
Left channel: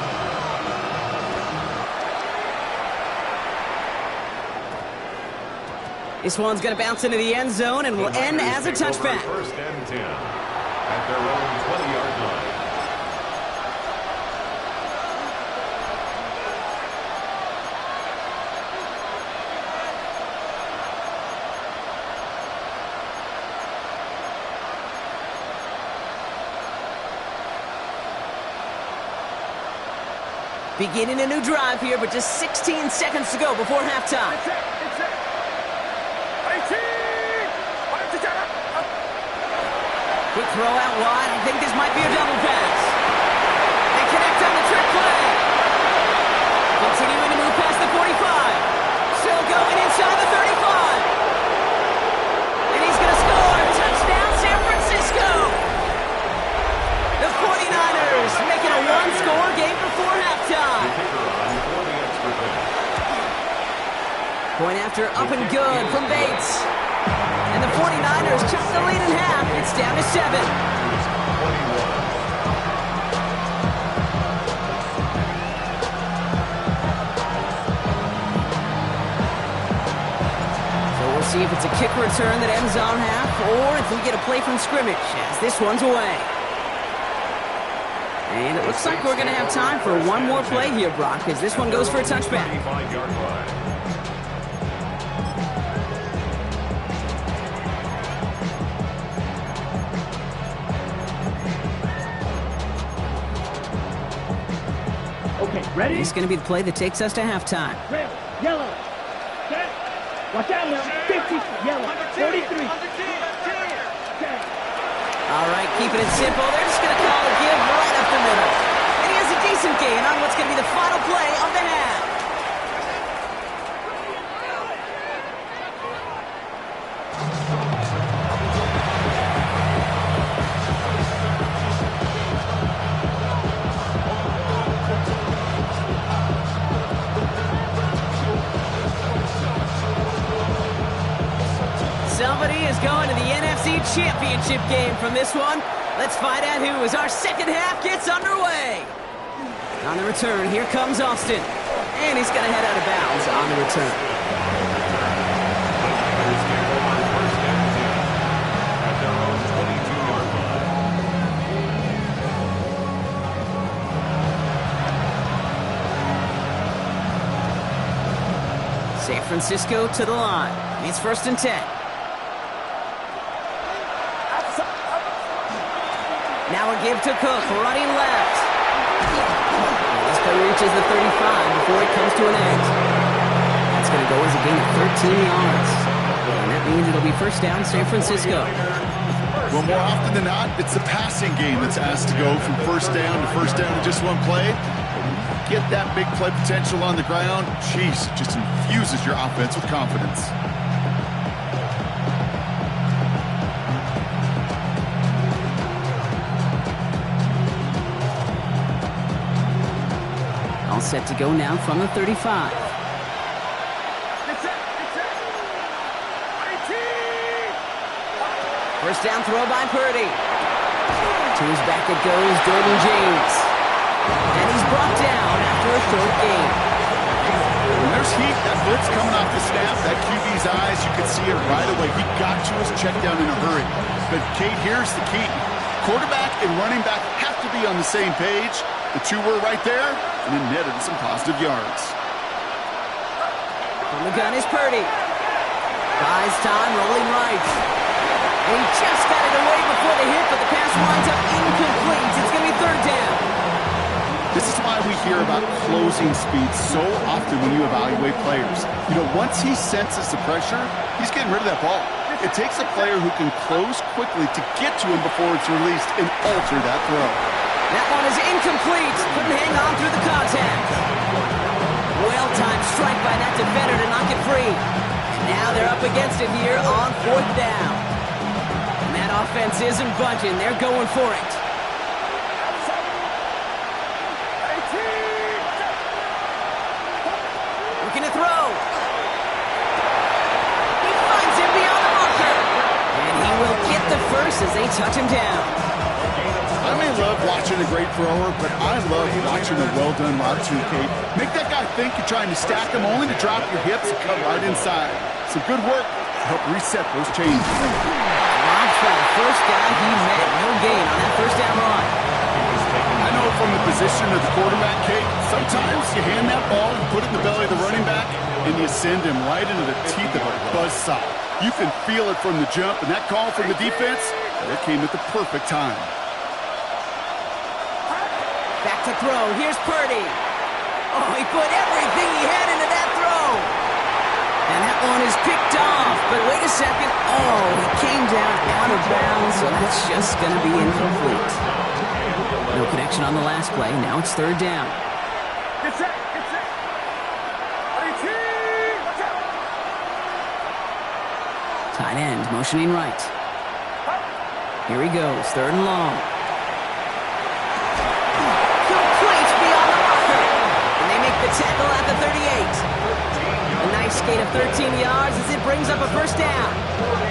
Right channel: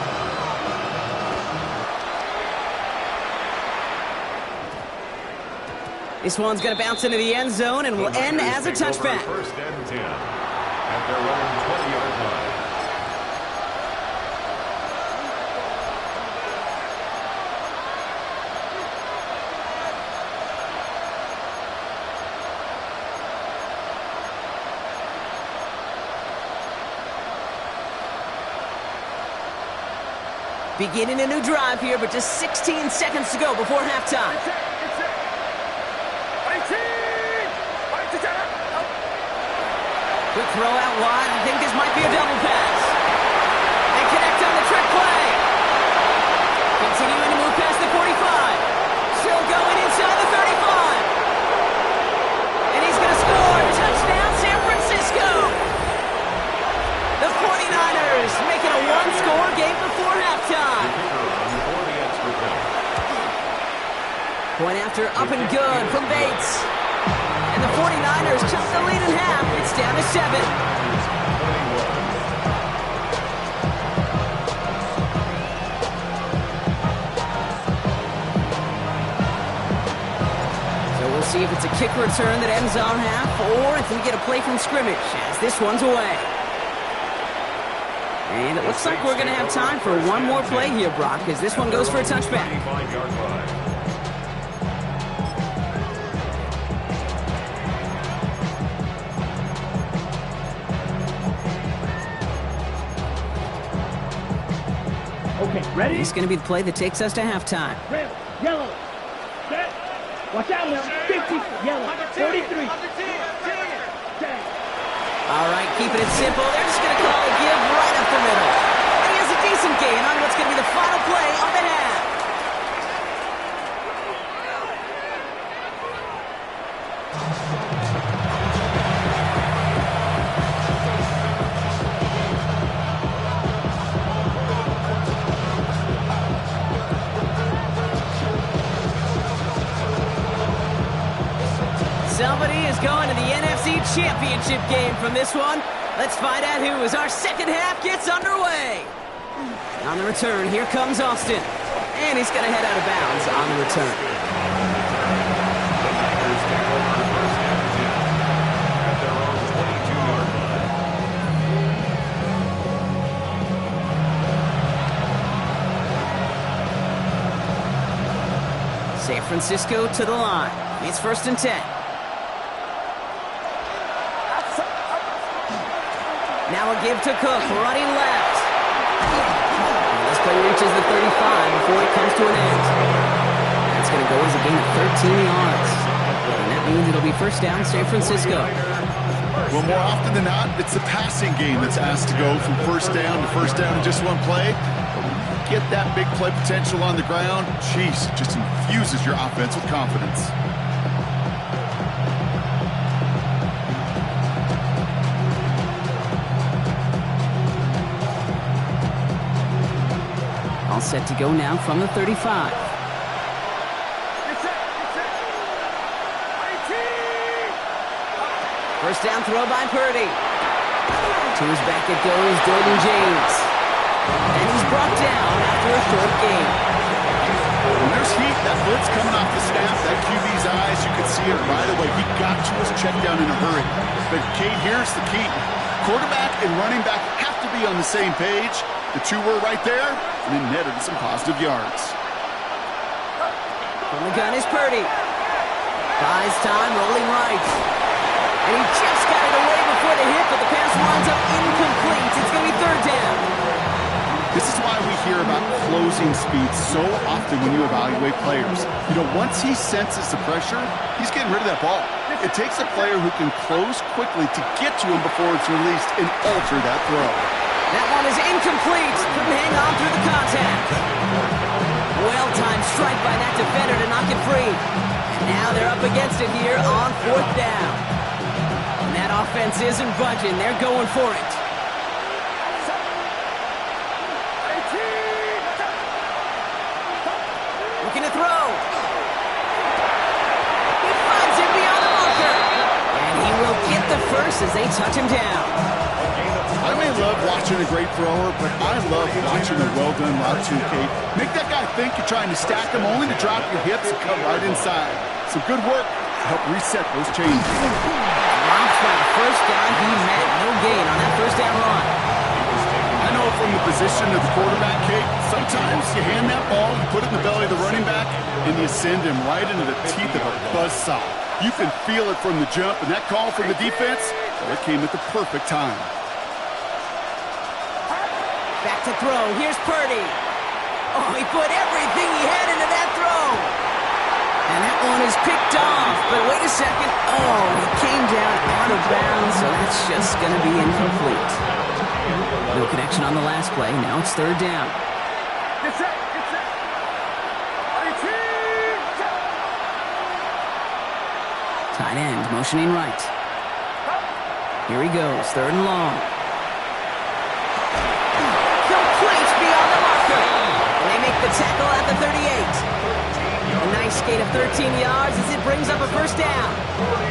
This one's going to bounce into the end zone and will end as a touchback. 1st and 10 at their own 20-yard line. Beginning a new drive here, but just 16 seconds to go before halftime. Quick throw out wide. I think this might be a double pass. They connect on the trick play. Continuing to move past the 45. Still going inside the 35. And he's going to score. Touchdown, San Francisco. The 49ers making a one-score game before halftime. Point after up and good from Bates. And the 49ers chop the lead in half. It's down to 7. So we'll see if it's a kick return that ends our half or if we get a play from scrimmage as this one's away. And it looks like we're going to have time for one more play here, Brock, as this one goes for a touchback. Okay, ready? This is going to be the play that takes us to halftime. Red, yellow, set. Watch out now. 50, yellow, 43. All right, keeping it simple. They're just going to call a give right up the middle. And he has a decent gain on what's going to be the final play of the half. Somebody is going to the NFC Championship game from this one. Let's find out who as our second half gets underway. On the return, here comes Austin. And he's going to head out of bounds on the return. The Niners take over first and 10 at their own 22-yard line. San Francisco to the line. It's first and 10. Now a give to Cook, running left. And this play reaches the 35 before it comes to an end. That's going to go as a gain of 13 yards. And that means it'll be first down, San Francisco. Well, more often than not, it's the passing game that's asked to go from first down in just one play. Get that big play potential on the ground, jeez, it just infuses your offense with confidence. All set to go now from the 35. First down throw by Purdy. To his back it goes, Jordan James. And he's brought down after a short gain. When there's heat, that blitz coming off the snap, that QB's eyes, you could see it right away. He got to his check down in a hurry. But, Kate, here's the key. Quarterback and running back have to be on the same page. The two were right there, and it netted some positive yards. From the gun is Purdy. Buys time, rolling right. And he just got it away before the hit, but the pass winds up incomplete. It's going to be third down. This is why we hear about closing speed so often when you evaluate players. You know, once he senses the pressure, he's getting rid of that ball. It takes a player who can close quickly to get to him before it's released and alter that throw. That one is incomplete. Couldn't hang on through the contact. Well-timed strike by that defender to knock it free. And now they're up against it here on fourth down. And that offense isn't budging. They're going for it. Looking to throw. He finds him beyond the marker. And he will get the first as they touch him down. I may love watching a great thrower, but I love watching a well-done route too, Kate. Make that guy think you're trying to stack him only to drop your hips and cut right inside. Some good work to help reset those changes. Dropped by the first guy he met. No gain on that first down run. I know from the position of the quarterback, Kate, sometimes you hand that ball, you put it in the belly of the running back, and you send him right into the teeth of a buzzsaw. You can feel it from the jump, and that call from the defense, it came at the perfect time. Back to throw. Here's Purdy. Oh, he put everything he had into that throw. And that one is picked off. But wait a second. Oh, he came down out of bounds, so that's just going to be incomplete. No connection on the last play. Now it's third down. Tight end motioning right. Here he goes. Third and long. Complete beyond the marker. And they make the tackle at the 38. A nice gain of 13 yards as it brings up a first down.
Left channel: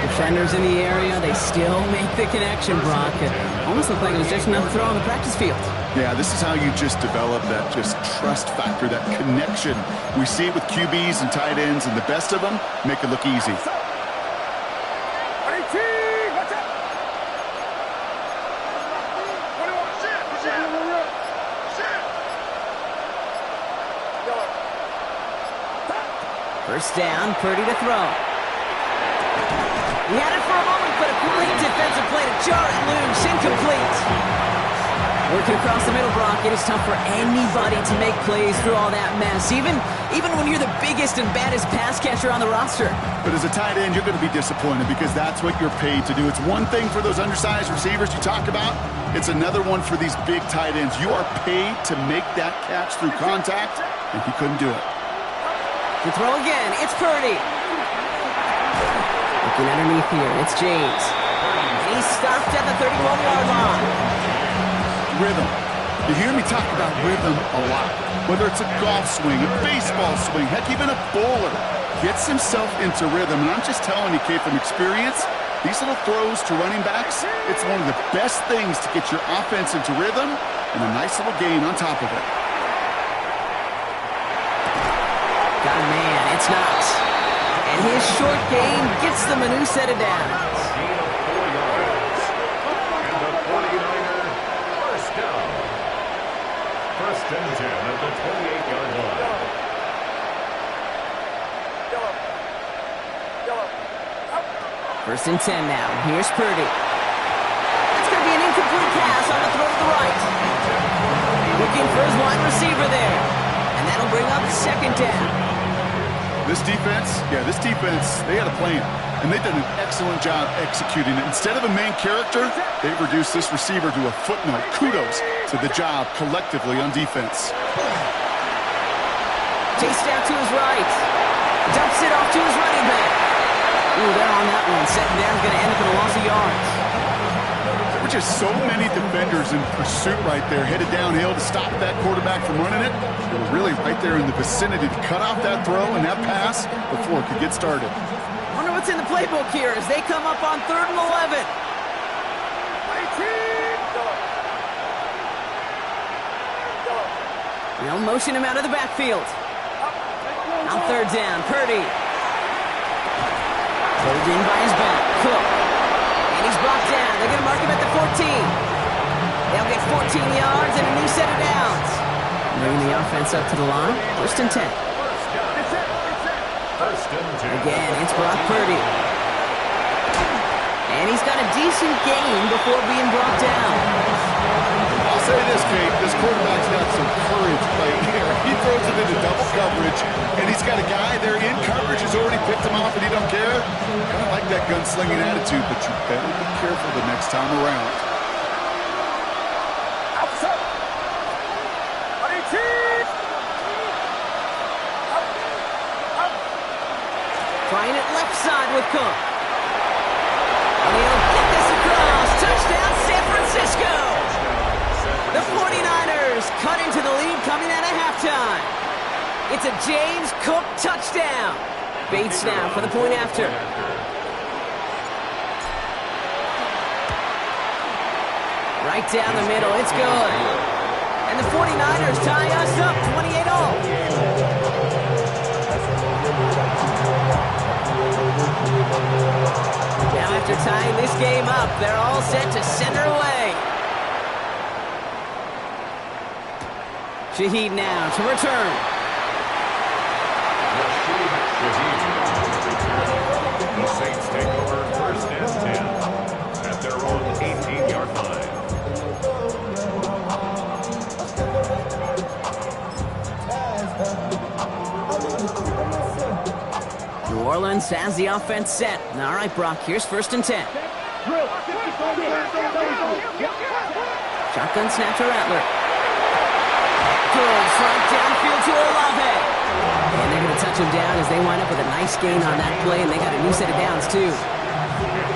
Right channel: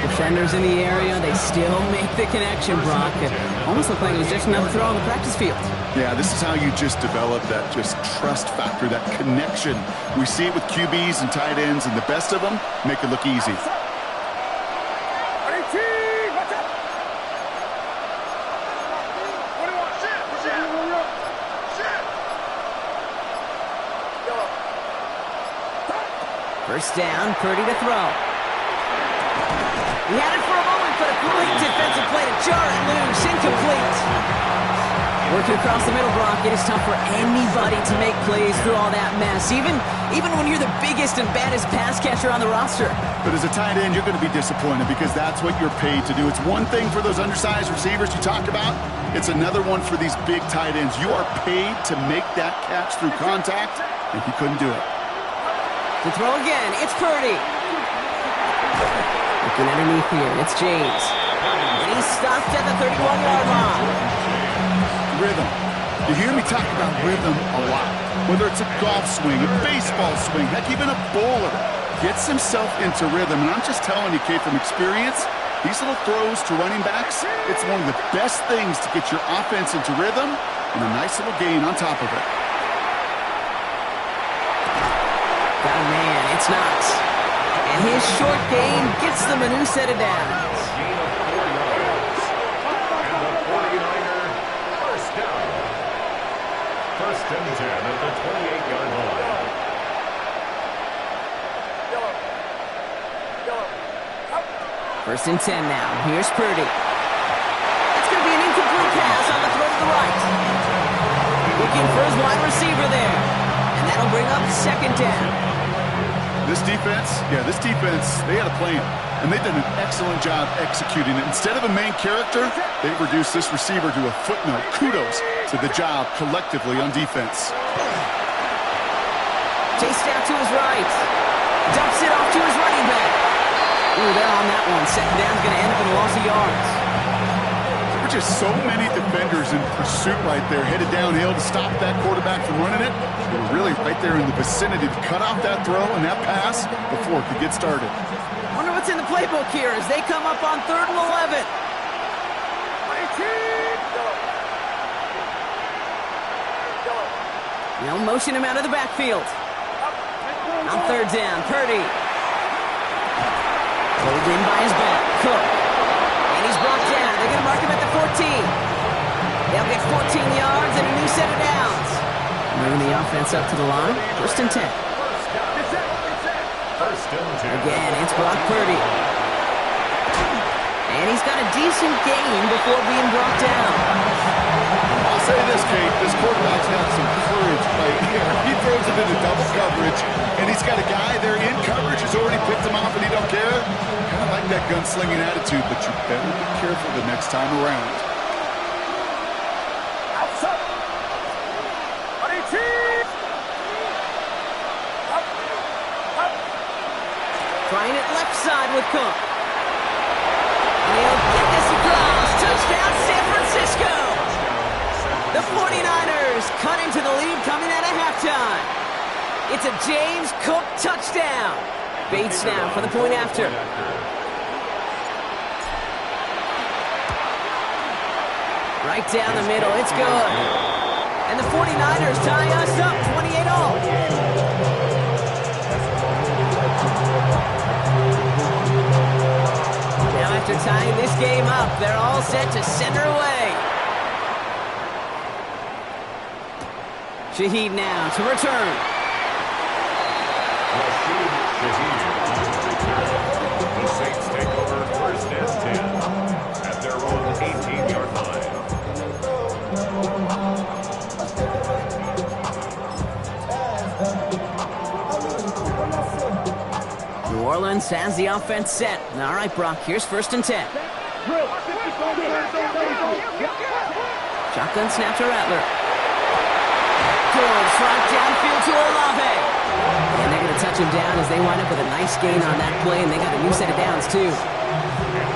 Defenders in the area, they still make the connection, Brock. It almost looked like it was just another throw on the practice field. Yeah, this is how you just develop that just trust factor, that connection. We see it with QBs and tight ends, and the best of them make it look easy. First down, Purdy to throw. He had it for a moment, but a great defensive play to jar it loose. Incomplete. Working across the middle, Brock, it is tough for anybody to make plays through all that mess, even when you're the biggest and baddest pass catcher on the roster. But as a tight end, you're going to be disappointed because that's what you're paid to do. It's one thing for those undersized receivers you talk about. It's another one for these big tight ends. You are paid to make that catch through contact, and he couldn't do it. To throw again, it's Purdy. Looking underneath here, it's James. And he's stopped at the 31-yard line. Rhythm. You hear me talk about rhythm a lot. Whether it's a golf swing, a baseball swing, heck, even a bowler gets himself into rhythm. And I'm just telling you, Kate, from experience, these little throws to running backs, it's one of the best things to get your offense into rhythm and a nice little gain on top of it. Got a man. It's Knox. And his short gain gets them a new set of downs. A gain of 4 yards. And the 49er first down. First and 10 at the 28-yard line. First and 10 now. Here's Purdy. That's going to be an incomplete pass on the throw to the right. Looking for his wide receiver there. And that'll bring up second down. This defense, they had a plan. And they've done an excellent job executing it. Instead of a main character, they've reduced this receiver to a footnote. Kudos to the job collectively on defense. Chased out to his right. Dumps it off to his running back. Ooh, they're on that one. Second down's going to end up in a loss of yards. There were just so many defenders in pursuit right there, headed downhill to stop that quarterback from running it. They were really right there in the vicinity to cut off that throw and that pass before it could get started. Wonder what's in the playbook here as they come up on 3rd and 11. They'll motion him out of the backfield. On 3rd down, Purdy. Pulled in by his back, Cook. And he's brought down. They're going to mark him at the 14. They'll get 14 yards and a new set of downs. Bringing the offense up to the line. First and 10. First and 10. Again, it's Brock Purdy. And he's got a decent gain before being brought down. I'll say this, Kate, this quarterback's got some courage right here. He throws it into double coverage, and he's got a guy there in coverage who's already picked him off, and he don't care. Kind of like that gunslinging attitude, but you better be careful the next time around. Trying it left side with Cook. And he'll get this across. Touchdown, San Francisco. The 49ers cut into the lead coming out of halftime. It's a James Cook touchdown. Bates now for the point after. Right down the middle. It's good. And the 49ers tie us up 28-all. Now after tying this game up, they're all set to center away. Shaheed now to return. Rashid Shaheed. The Saints take over first and 10 at their own 18-yard line. New Orleans has the offense set. All right, Brock, here's first and 10. Shotgun snap to Rattler. Goes right downfield to Olave. And they're going to touch him down as they wind up with a nice gain on that play, and they got a new set of downs, too.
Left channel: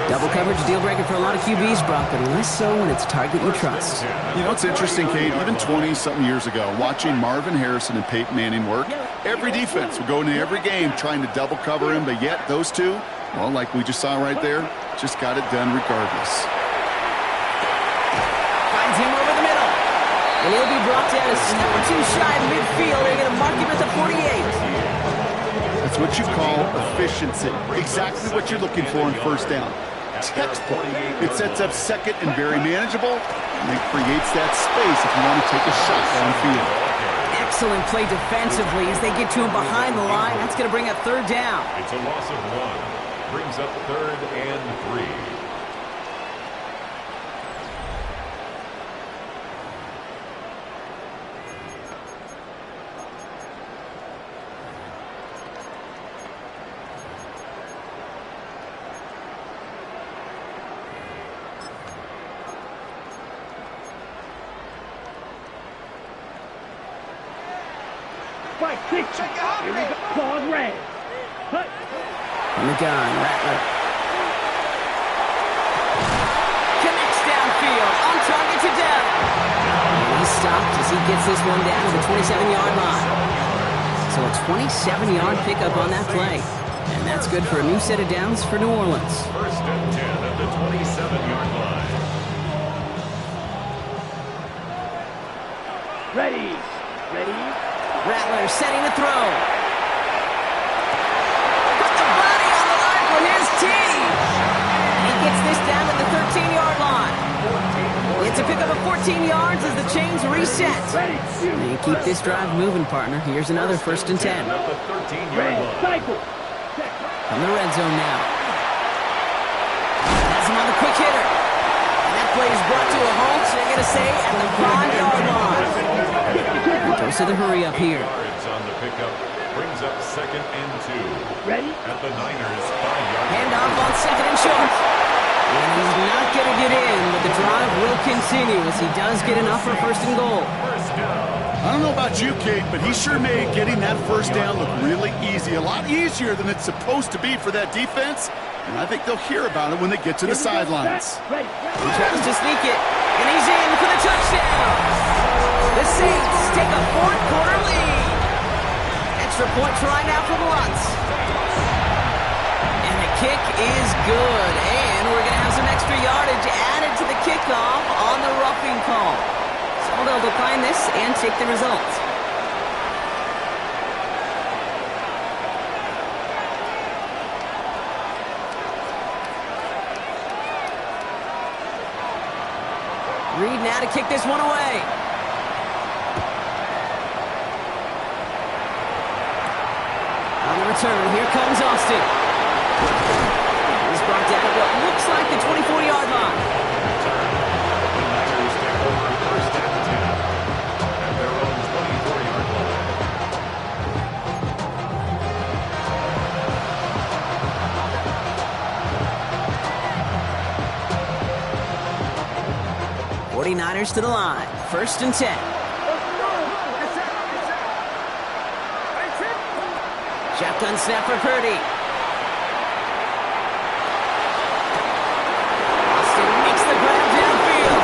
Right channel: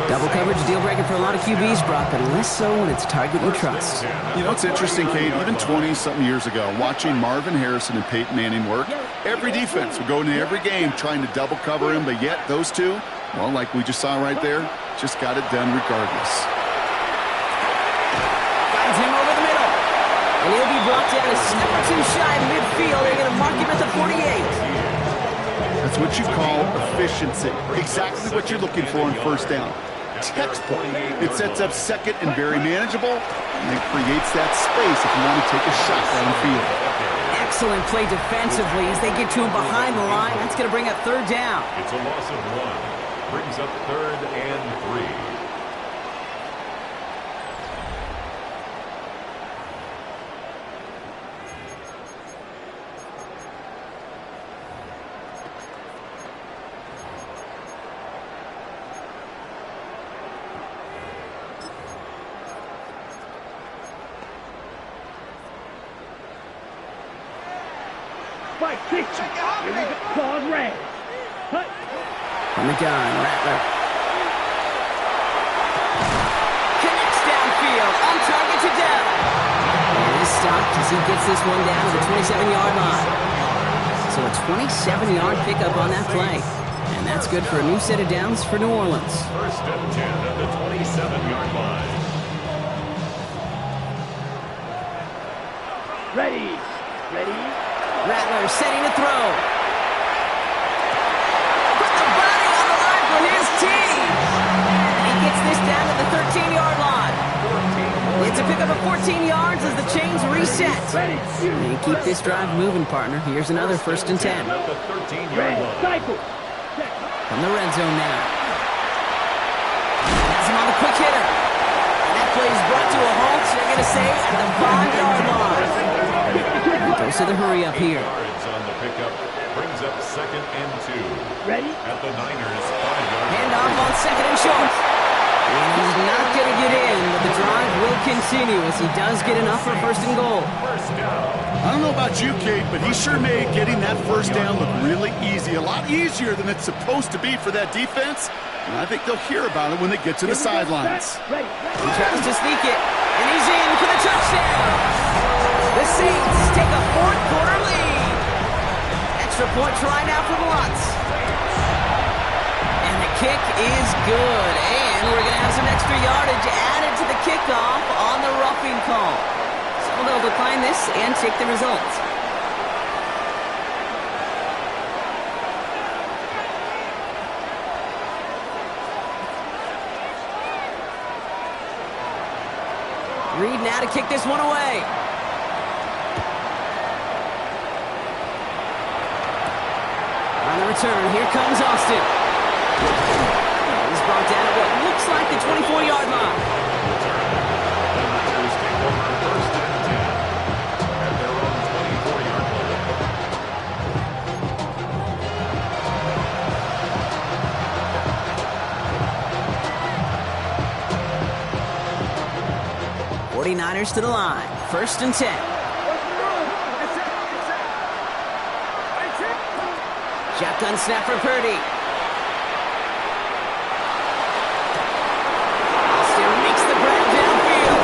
Double coverage, deal breaker for a lot of QBs, Brock, but less so when it's a target you trust. You know, it's interesting, Kate, even 20-something years ago, watching Marvin Harrison and Peyton Manning work, every defense would go into every game trying to double cover him, but yet those two, well, like we just saw right there, just got it done regardless. Finds him over the middle. And he'll be brought down a step or two shy of midfield. They're going to mark him at the 48. That's what you call efficiency. Exactly what you're looking for on first down. Textbook. It sets up second and very manageable, and it creates that space if you want to take a shot downfield. Excellent play defensively as they get to him behind the line. That's going to bring up third down. It's a loss of 1. Brings up 3rd and 3. Spike, kick. Here we go. Pause, red. Hut. From the gun, Rattler. Connects downfield, on target to Dell. And he's stopped as he gets this one down to the 27-yard line. So a 27-yard pickup on that play. And that's good for a new set of downs for New Orleans. First and 10 at the 27-yard line. Ready. Ready. Rattler setting a throw. From the gets this down to the 13-yard line. It's a pickup of 14 yards as the chains reset. And keep this drive moving, partner. Here's another 1st and 10. At the 13-yard line. From the red zone now. Has him on the quick hitter. And that play is brought to a halt, so they're going to say at the 5-yard line. Goes to the hurry up here. 8 yards on the pickup. Brings up 2nd and 2. Ready? At the Niners' 5-yard line. Handoff on 2nd and short. And he's not going to get in, but the drive will continue as he does get enough for 1st and goal. First down. I don't know about you, Kate, but he sure made getting that 1st down look really easy. A lot easier than it's supposed to be for that defense. And I think they'll hear about it when they get to the sidelines. Ready. He tries to sneak it, and he's in for the touchdown. The Saints take a 4th quarter lead. Extra point try now from Lutz. And the kick is good. And we're going to have some extra yardage added to the kickoff on the roughing call. So they'll decline this and take the result. Reed now to kick this one away. On the return, here comes Austin. He's brought down at what looks like the 24-yard line. Return. The Niners take over 1st and 10 at their own 24-yard line. 49ers to the line. 1st and 10. Shotgun snap for Purdy. Austin makes the grab downfield.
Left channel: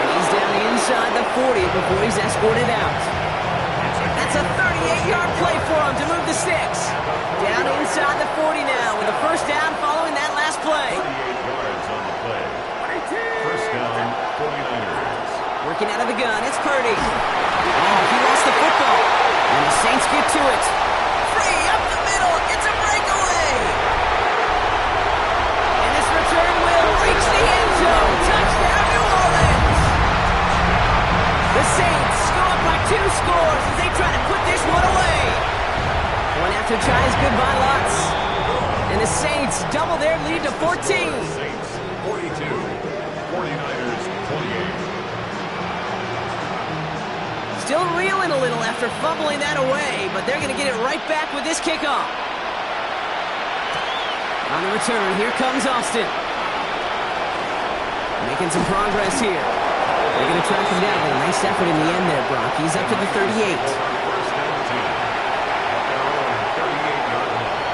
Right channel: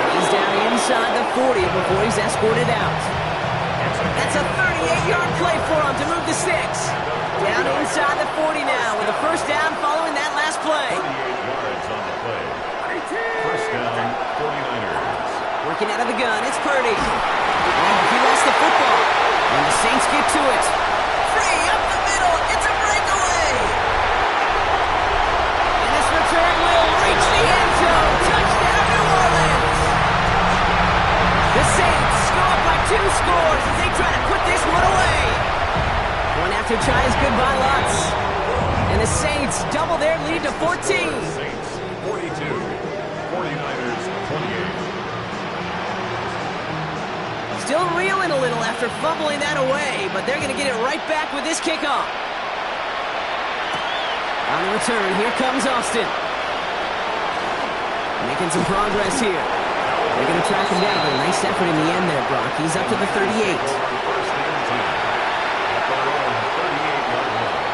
And he's down inside the 40 before he's escorted out. That's a 38-yard play for him to move the sticks. Down inside the 40 now with a 1st down following that last play. 38 yards on the play. 1st down, 49ers. Working out of the gun, it's Purdy. Oh, he lost the football. And the Saints get to it. Free up the middle, it's a breakaway. And this return will reach the end zone. Touchdown, New Orleans. The Saints go up by 2 scores as they try to put this one away. One after try is good by Lutz. And the Saints double their lead to 14. Saints 42, 49ers 28. Still reeling a little after fumbling that away, but they're going to get it right back with this kickoff. On the return, here comes Austin. Making some progress here. They're going to track him down with a nice effort in the end there, Brock. He's up to the 38. 1st and 10 at their own 38-yard line.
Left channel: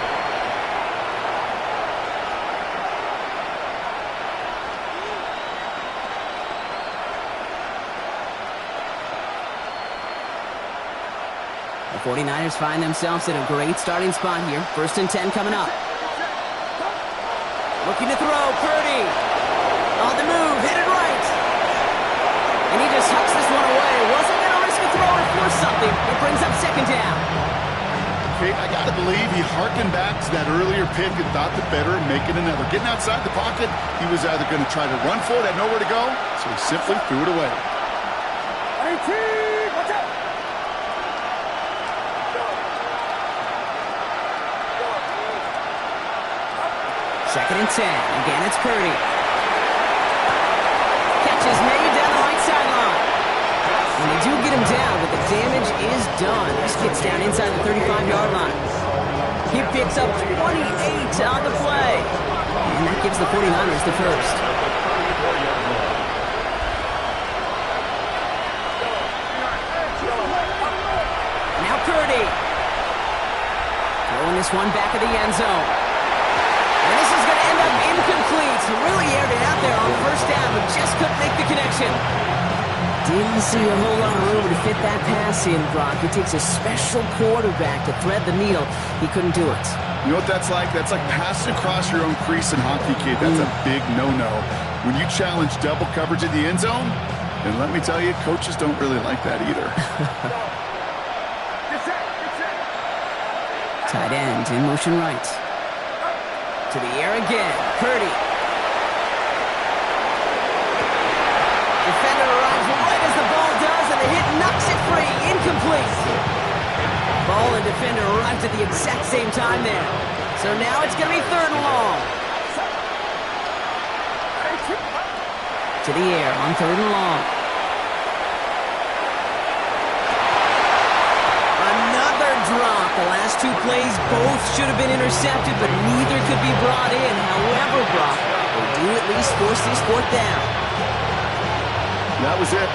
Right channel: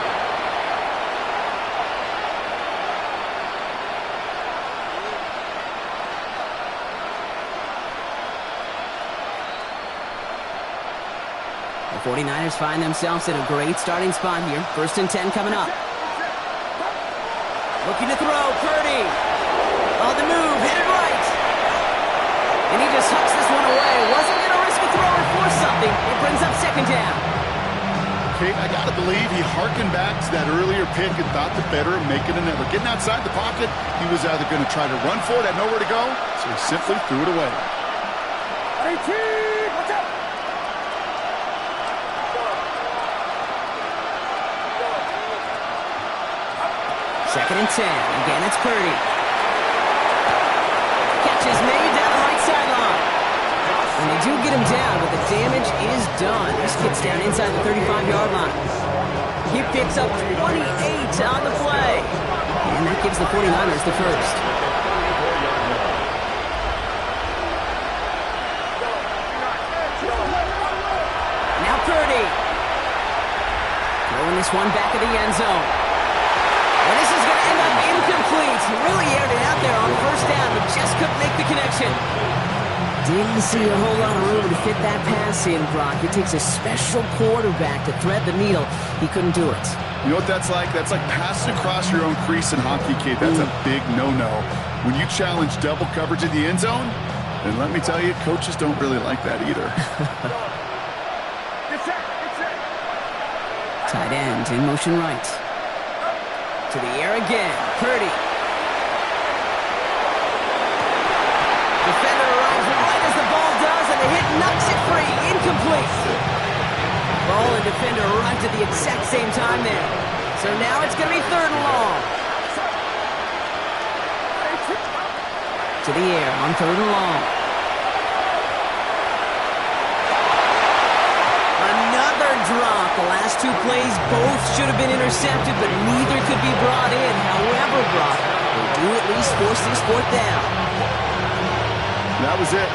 The 49ers find themselves in a great starting spot here. 1st and 10 coming up. Looking to throw, Purdy. On the move, headed right. And he just hucks this one away. Wasn't going to risk a throw or force something. It brings up 2nd down. Kate, I got to believe he harkened back to that earlier pick and thought the better of making another. Getting outside the pocket, he was either going to try to run for it, had nowhere to go, so he simply threw it away. Watch out! 2nd and 10. Again, it's Purdy. Catch is made down the right sideline. And they do get him down, but the damage is done. This gets down inside the 35-yard line. He picks up 28 on the play. And that gives the 49ers the 1st. Now Purdy. Throwing this one back of the end zone. And this is going to end up incomplete. Really aired it out there on 1st down, but just couldn't make the connection. Didn't see a whole lot of room to fit that pass in, Brock. It takes a special quarterback to thread the needle. He couldn't do it. You know what that's like? That's like passing across your own crease in hockey, Kate. That's a big no-no. When you challenge double coverage in the end zone, then let me tell you, coaches don't really like that either. Tight end in motion right. To the air again. Purdy. Defender arrives right as the ball does, and the hit knocks it free. Incomplete. Ball and defender arrived at the exact same time there. So now it's going to be 3rd and long. To the air on 3rd and long. Another drop. The last 2 plays both should have been intercepted, but neither could be brought in. However, Brock, they do at least force this 4th down. That was it.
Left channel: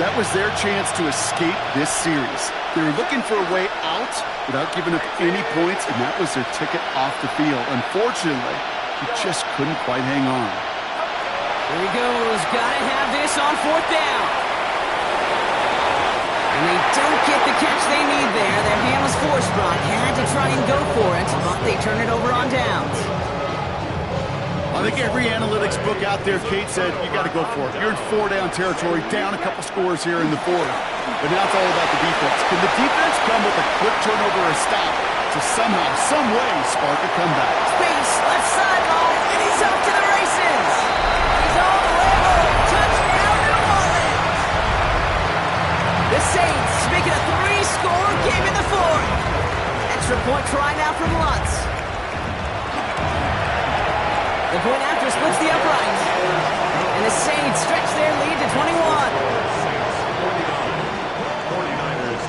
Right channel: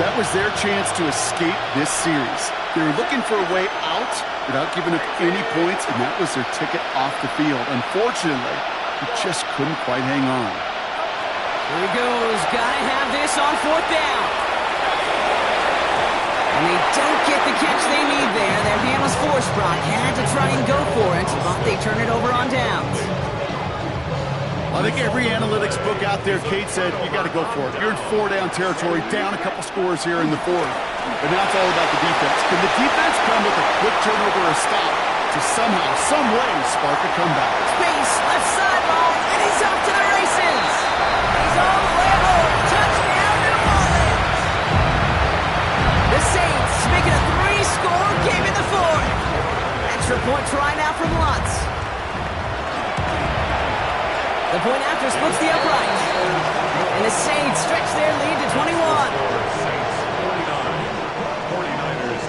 That was their chance to escape this series. They were looking for a way out without giving up any points, and that was their ticket off the field. Unfortunately, he just couldn't quite hang on. Here he goes. Gotta have this on 4th down. And they don't get the catch they need there. Their hand was forced, Brock. Had to try and go for it, but they turn it over on downs. I think every analytics book out there, Kate, said you got to go for it. You're in 4-down territory, down a couple scores here in the 4th. But now it's all about the defense. Can the defense come with a quick turnover or a stop to somehow, some way, spark a comeback? Space, left sideline, and he's off to the races. He's all the way home. Touchdown, New Orleans. The Saints make it a 3-score game in the 4th. Extra point try now from Lutz. The point after splits the uprights. And the Saints stretch their lead to 21. Saints 49, 49ers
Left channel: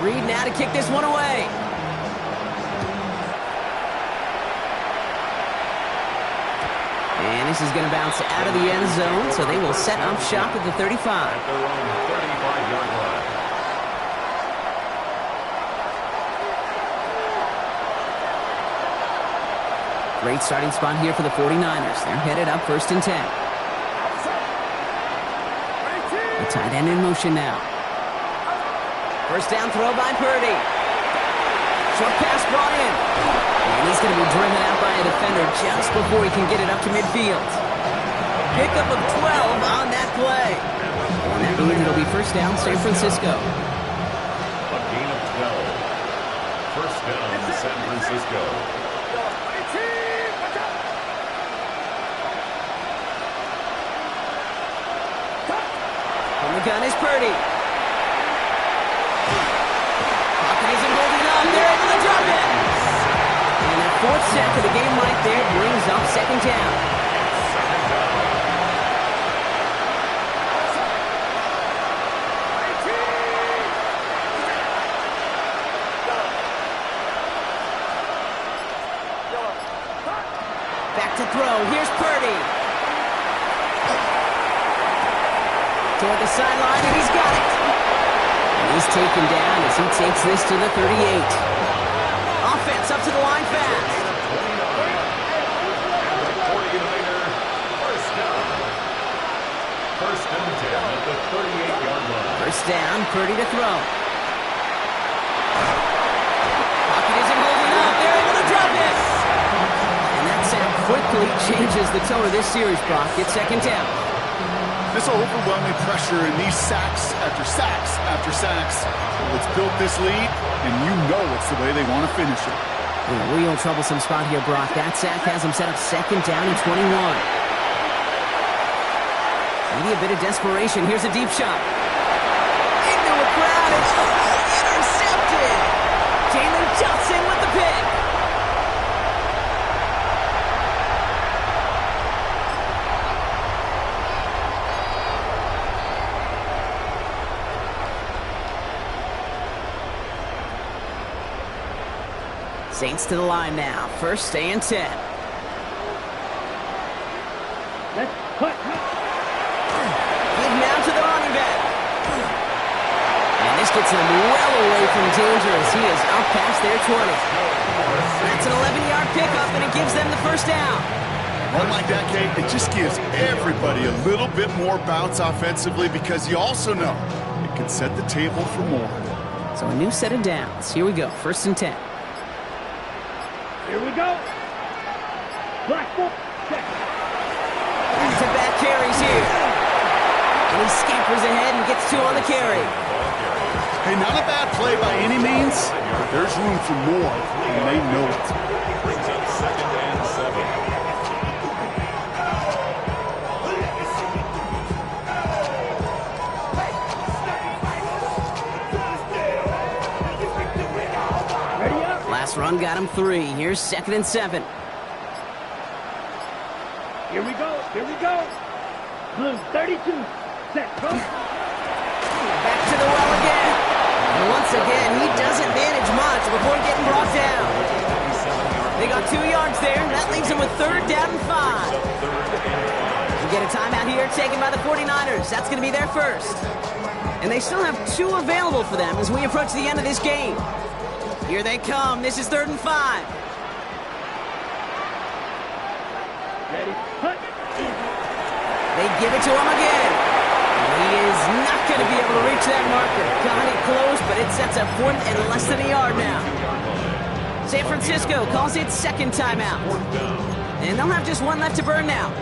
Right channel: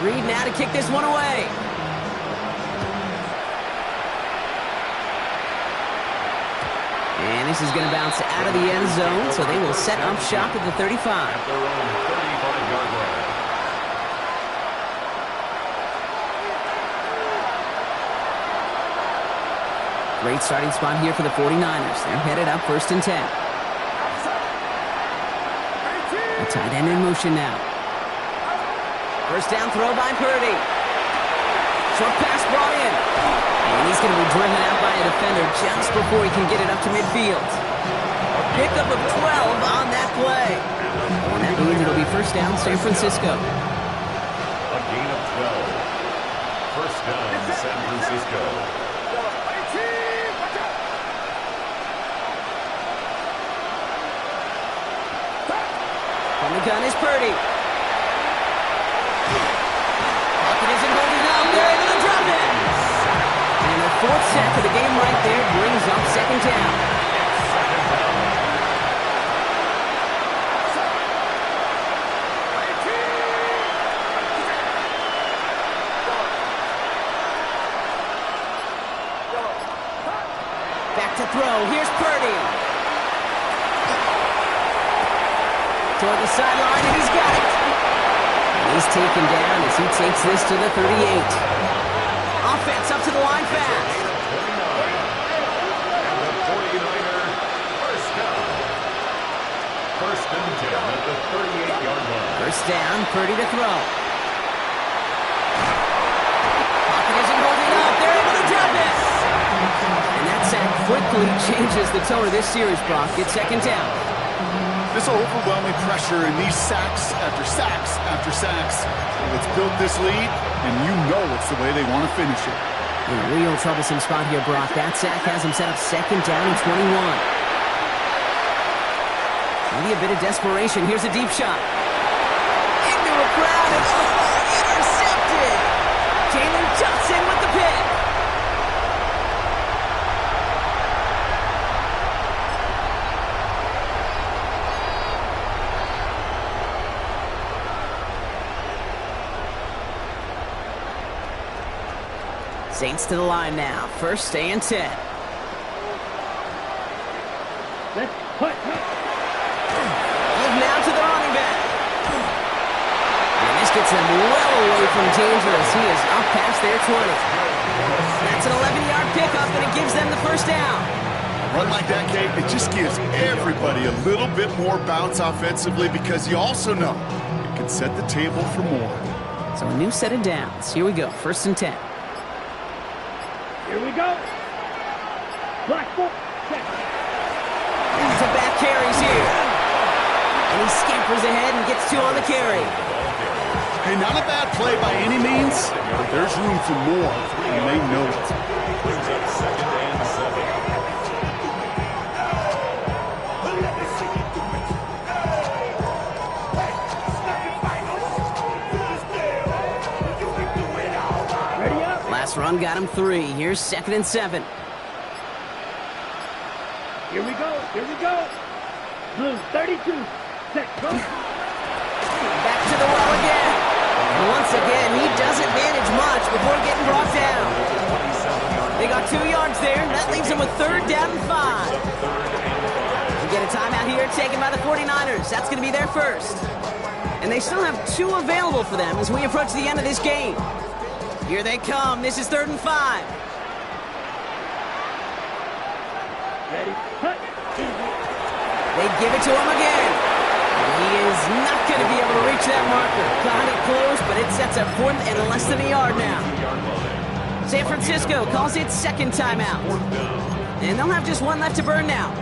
28. Reed now to kick this one away. And this is going to bounce out of the end zone, so they will set up shop at the 35. At their own 35-yard line. Great starting spot here for the 49ers. They're headed up 1st and 10. A tight end in motion now. 1st down throw by Purdy. Short pass brought in. And he's going to be driven out by a defender just before he can get it up to midfield. Pickup of 12 on that play. And that means it'll be 1st down San Francisco. A gain of 12. 1st down San Francisco. On the gun is Purdy. Pocket isn't holding up. They're able to drop it. And their 4th sack of the game right there brings up 2nd down. Back to throw. Here's Purdy. Toward the sideline, and he's got it. And he's taken down as he takes this to the 38. Offense up to the line fast. And the 49er 1st down. 1st and 10 at the 38-yard line. 1st down, Purdy to throw. Pocket isn't holding up. They're able to drop it. And that sack quickly changes the tone of this series, Brock. It's 2nd down. This overwhelming pressure and these sacks after sacks after sacks, well, it's built this lead, and you know it's the way they want to finish it. In a real troublesome spot here, Brock. That sack has him set up 2nd down and 21. Maybe a bit of desperation. Here's a deep shot. Into a crowd, and intercepted. Jalen Johnson with the pick. Saints to the line now. 1st and 10. Let's put. Give now to the running back. And this gets them well away from danger as he is up past their 20. That's an 11-yard pickup, and it gives them the 1st down. A run like that, Kate, it just gives everybody a little bit more bounce offensively because you also know it can set the table for more. So a new set of downs. Here we go. 1st and 10. Here we go. Black ball. Back-to-back carries here. And he scampers ahead and gets 2 on the carry. Hey, not a bad play by any means, but there's room for more, and they know it. Brings up 2nd and 7. pass run got him 3. Here's 2nd and 7. Here we go. Here we go. Blue 32. Set. Go. Back to the well again. And once again, he doesn't manage much before getting brought down. They got 2 yards there. That leaves them with 3rd down and 5. We get a timeout here taken by the 49ers. That's going to be their first. And they still have 2 available for them as we approach the end of this game. Here they come. This is 3rd and 5. Ready. Hut. They give it to him again. He is not going to be able to reach that marker. Got it close, but it sets up 4th and less than a yard now. San Francisco calls it 2nd timeout. And they'll have just 1 left to burn now.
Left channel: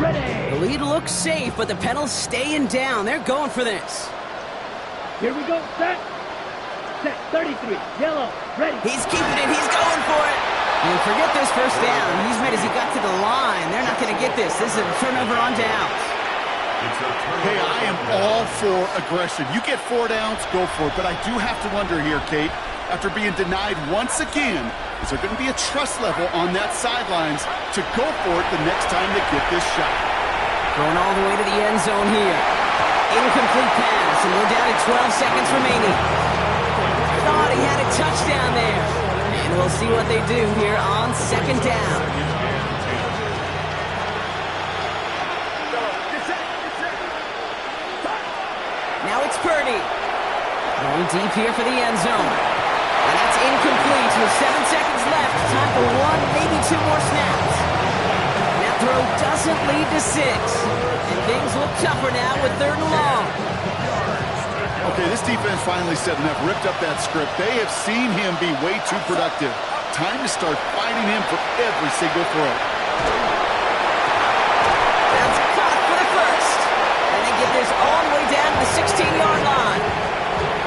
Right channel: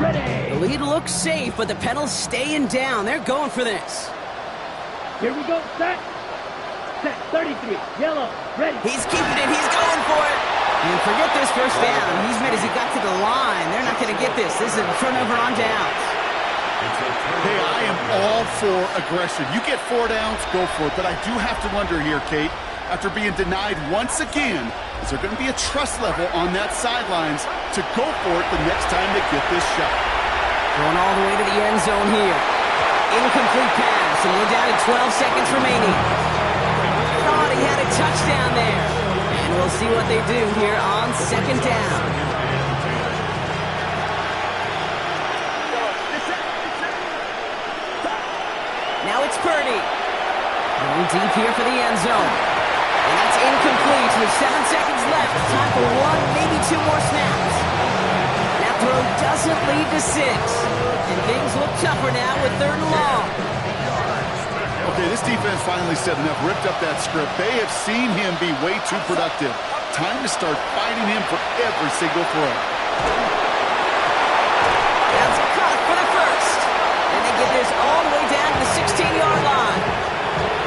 Ready. The lead looks safe, but the pedal's staying down. They're going for this. Here we go. Set. Set. 33. Yellow. Ready. He's keeping it. He's going for it. And forget this first down. He's made as he got to the line. They're not going to get this. This is a turnover on downs. Hey, I am all for aggression. You get 4 downs, go for it. But I do have to wonder here, Kate, after being denied once again, is there going to be a trust level on that sidelines to go for it the next time they get this shot? Going all the way to the end zone here. Incomplete pass, and we're down to 12 seconds remaining. Thought he had a touchdown there. And we'll see what they do here on 2nd down. Now it's Purdy. Going deep here for the end zone. And that's incomplete with 7 seconds left. Time for 1, maybe 2 more snaps. And that throw doesn't lead to 6. And things look tougher now with 3rd and long. Okay, this defense finally said enough, ripped up that script. They have seen him be way too productive. Time to start fighting him for every single throw. That's caught for the first. And they get this all the way down to the 16-yard line.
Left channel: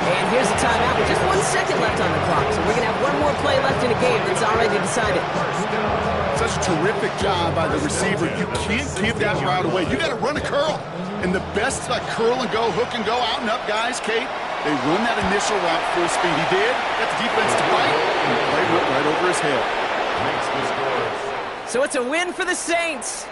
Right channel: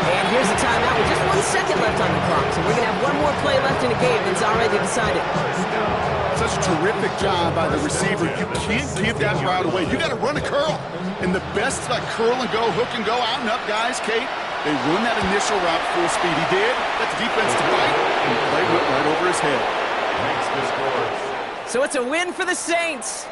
And here's a timeout with just 1 second left on the clock. So we're going to have 1 more play left in a game that's already decided. Such a terrific job by the receiver. You can't give that route away. You got to run a curl. And the best curl and go, hook and go, out and up guys, Kate, they run that initial route full speed. He did. Got the defense to bite, and the play went right over his head. Makes the scores. So it's a win for the Saints.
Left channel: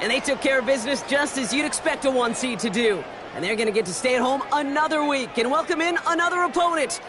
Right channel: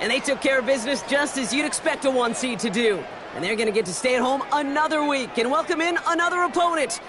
And they took care of business just as you'd expect a 1 seed to do. And they're going to get to stay at home another week and welcome in another opponent.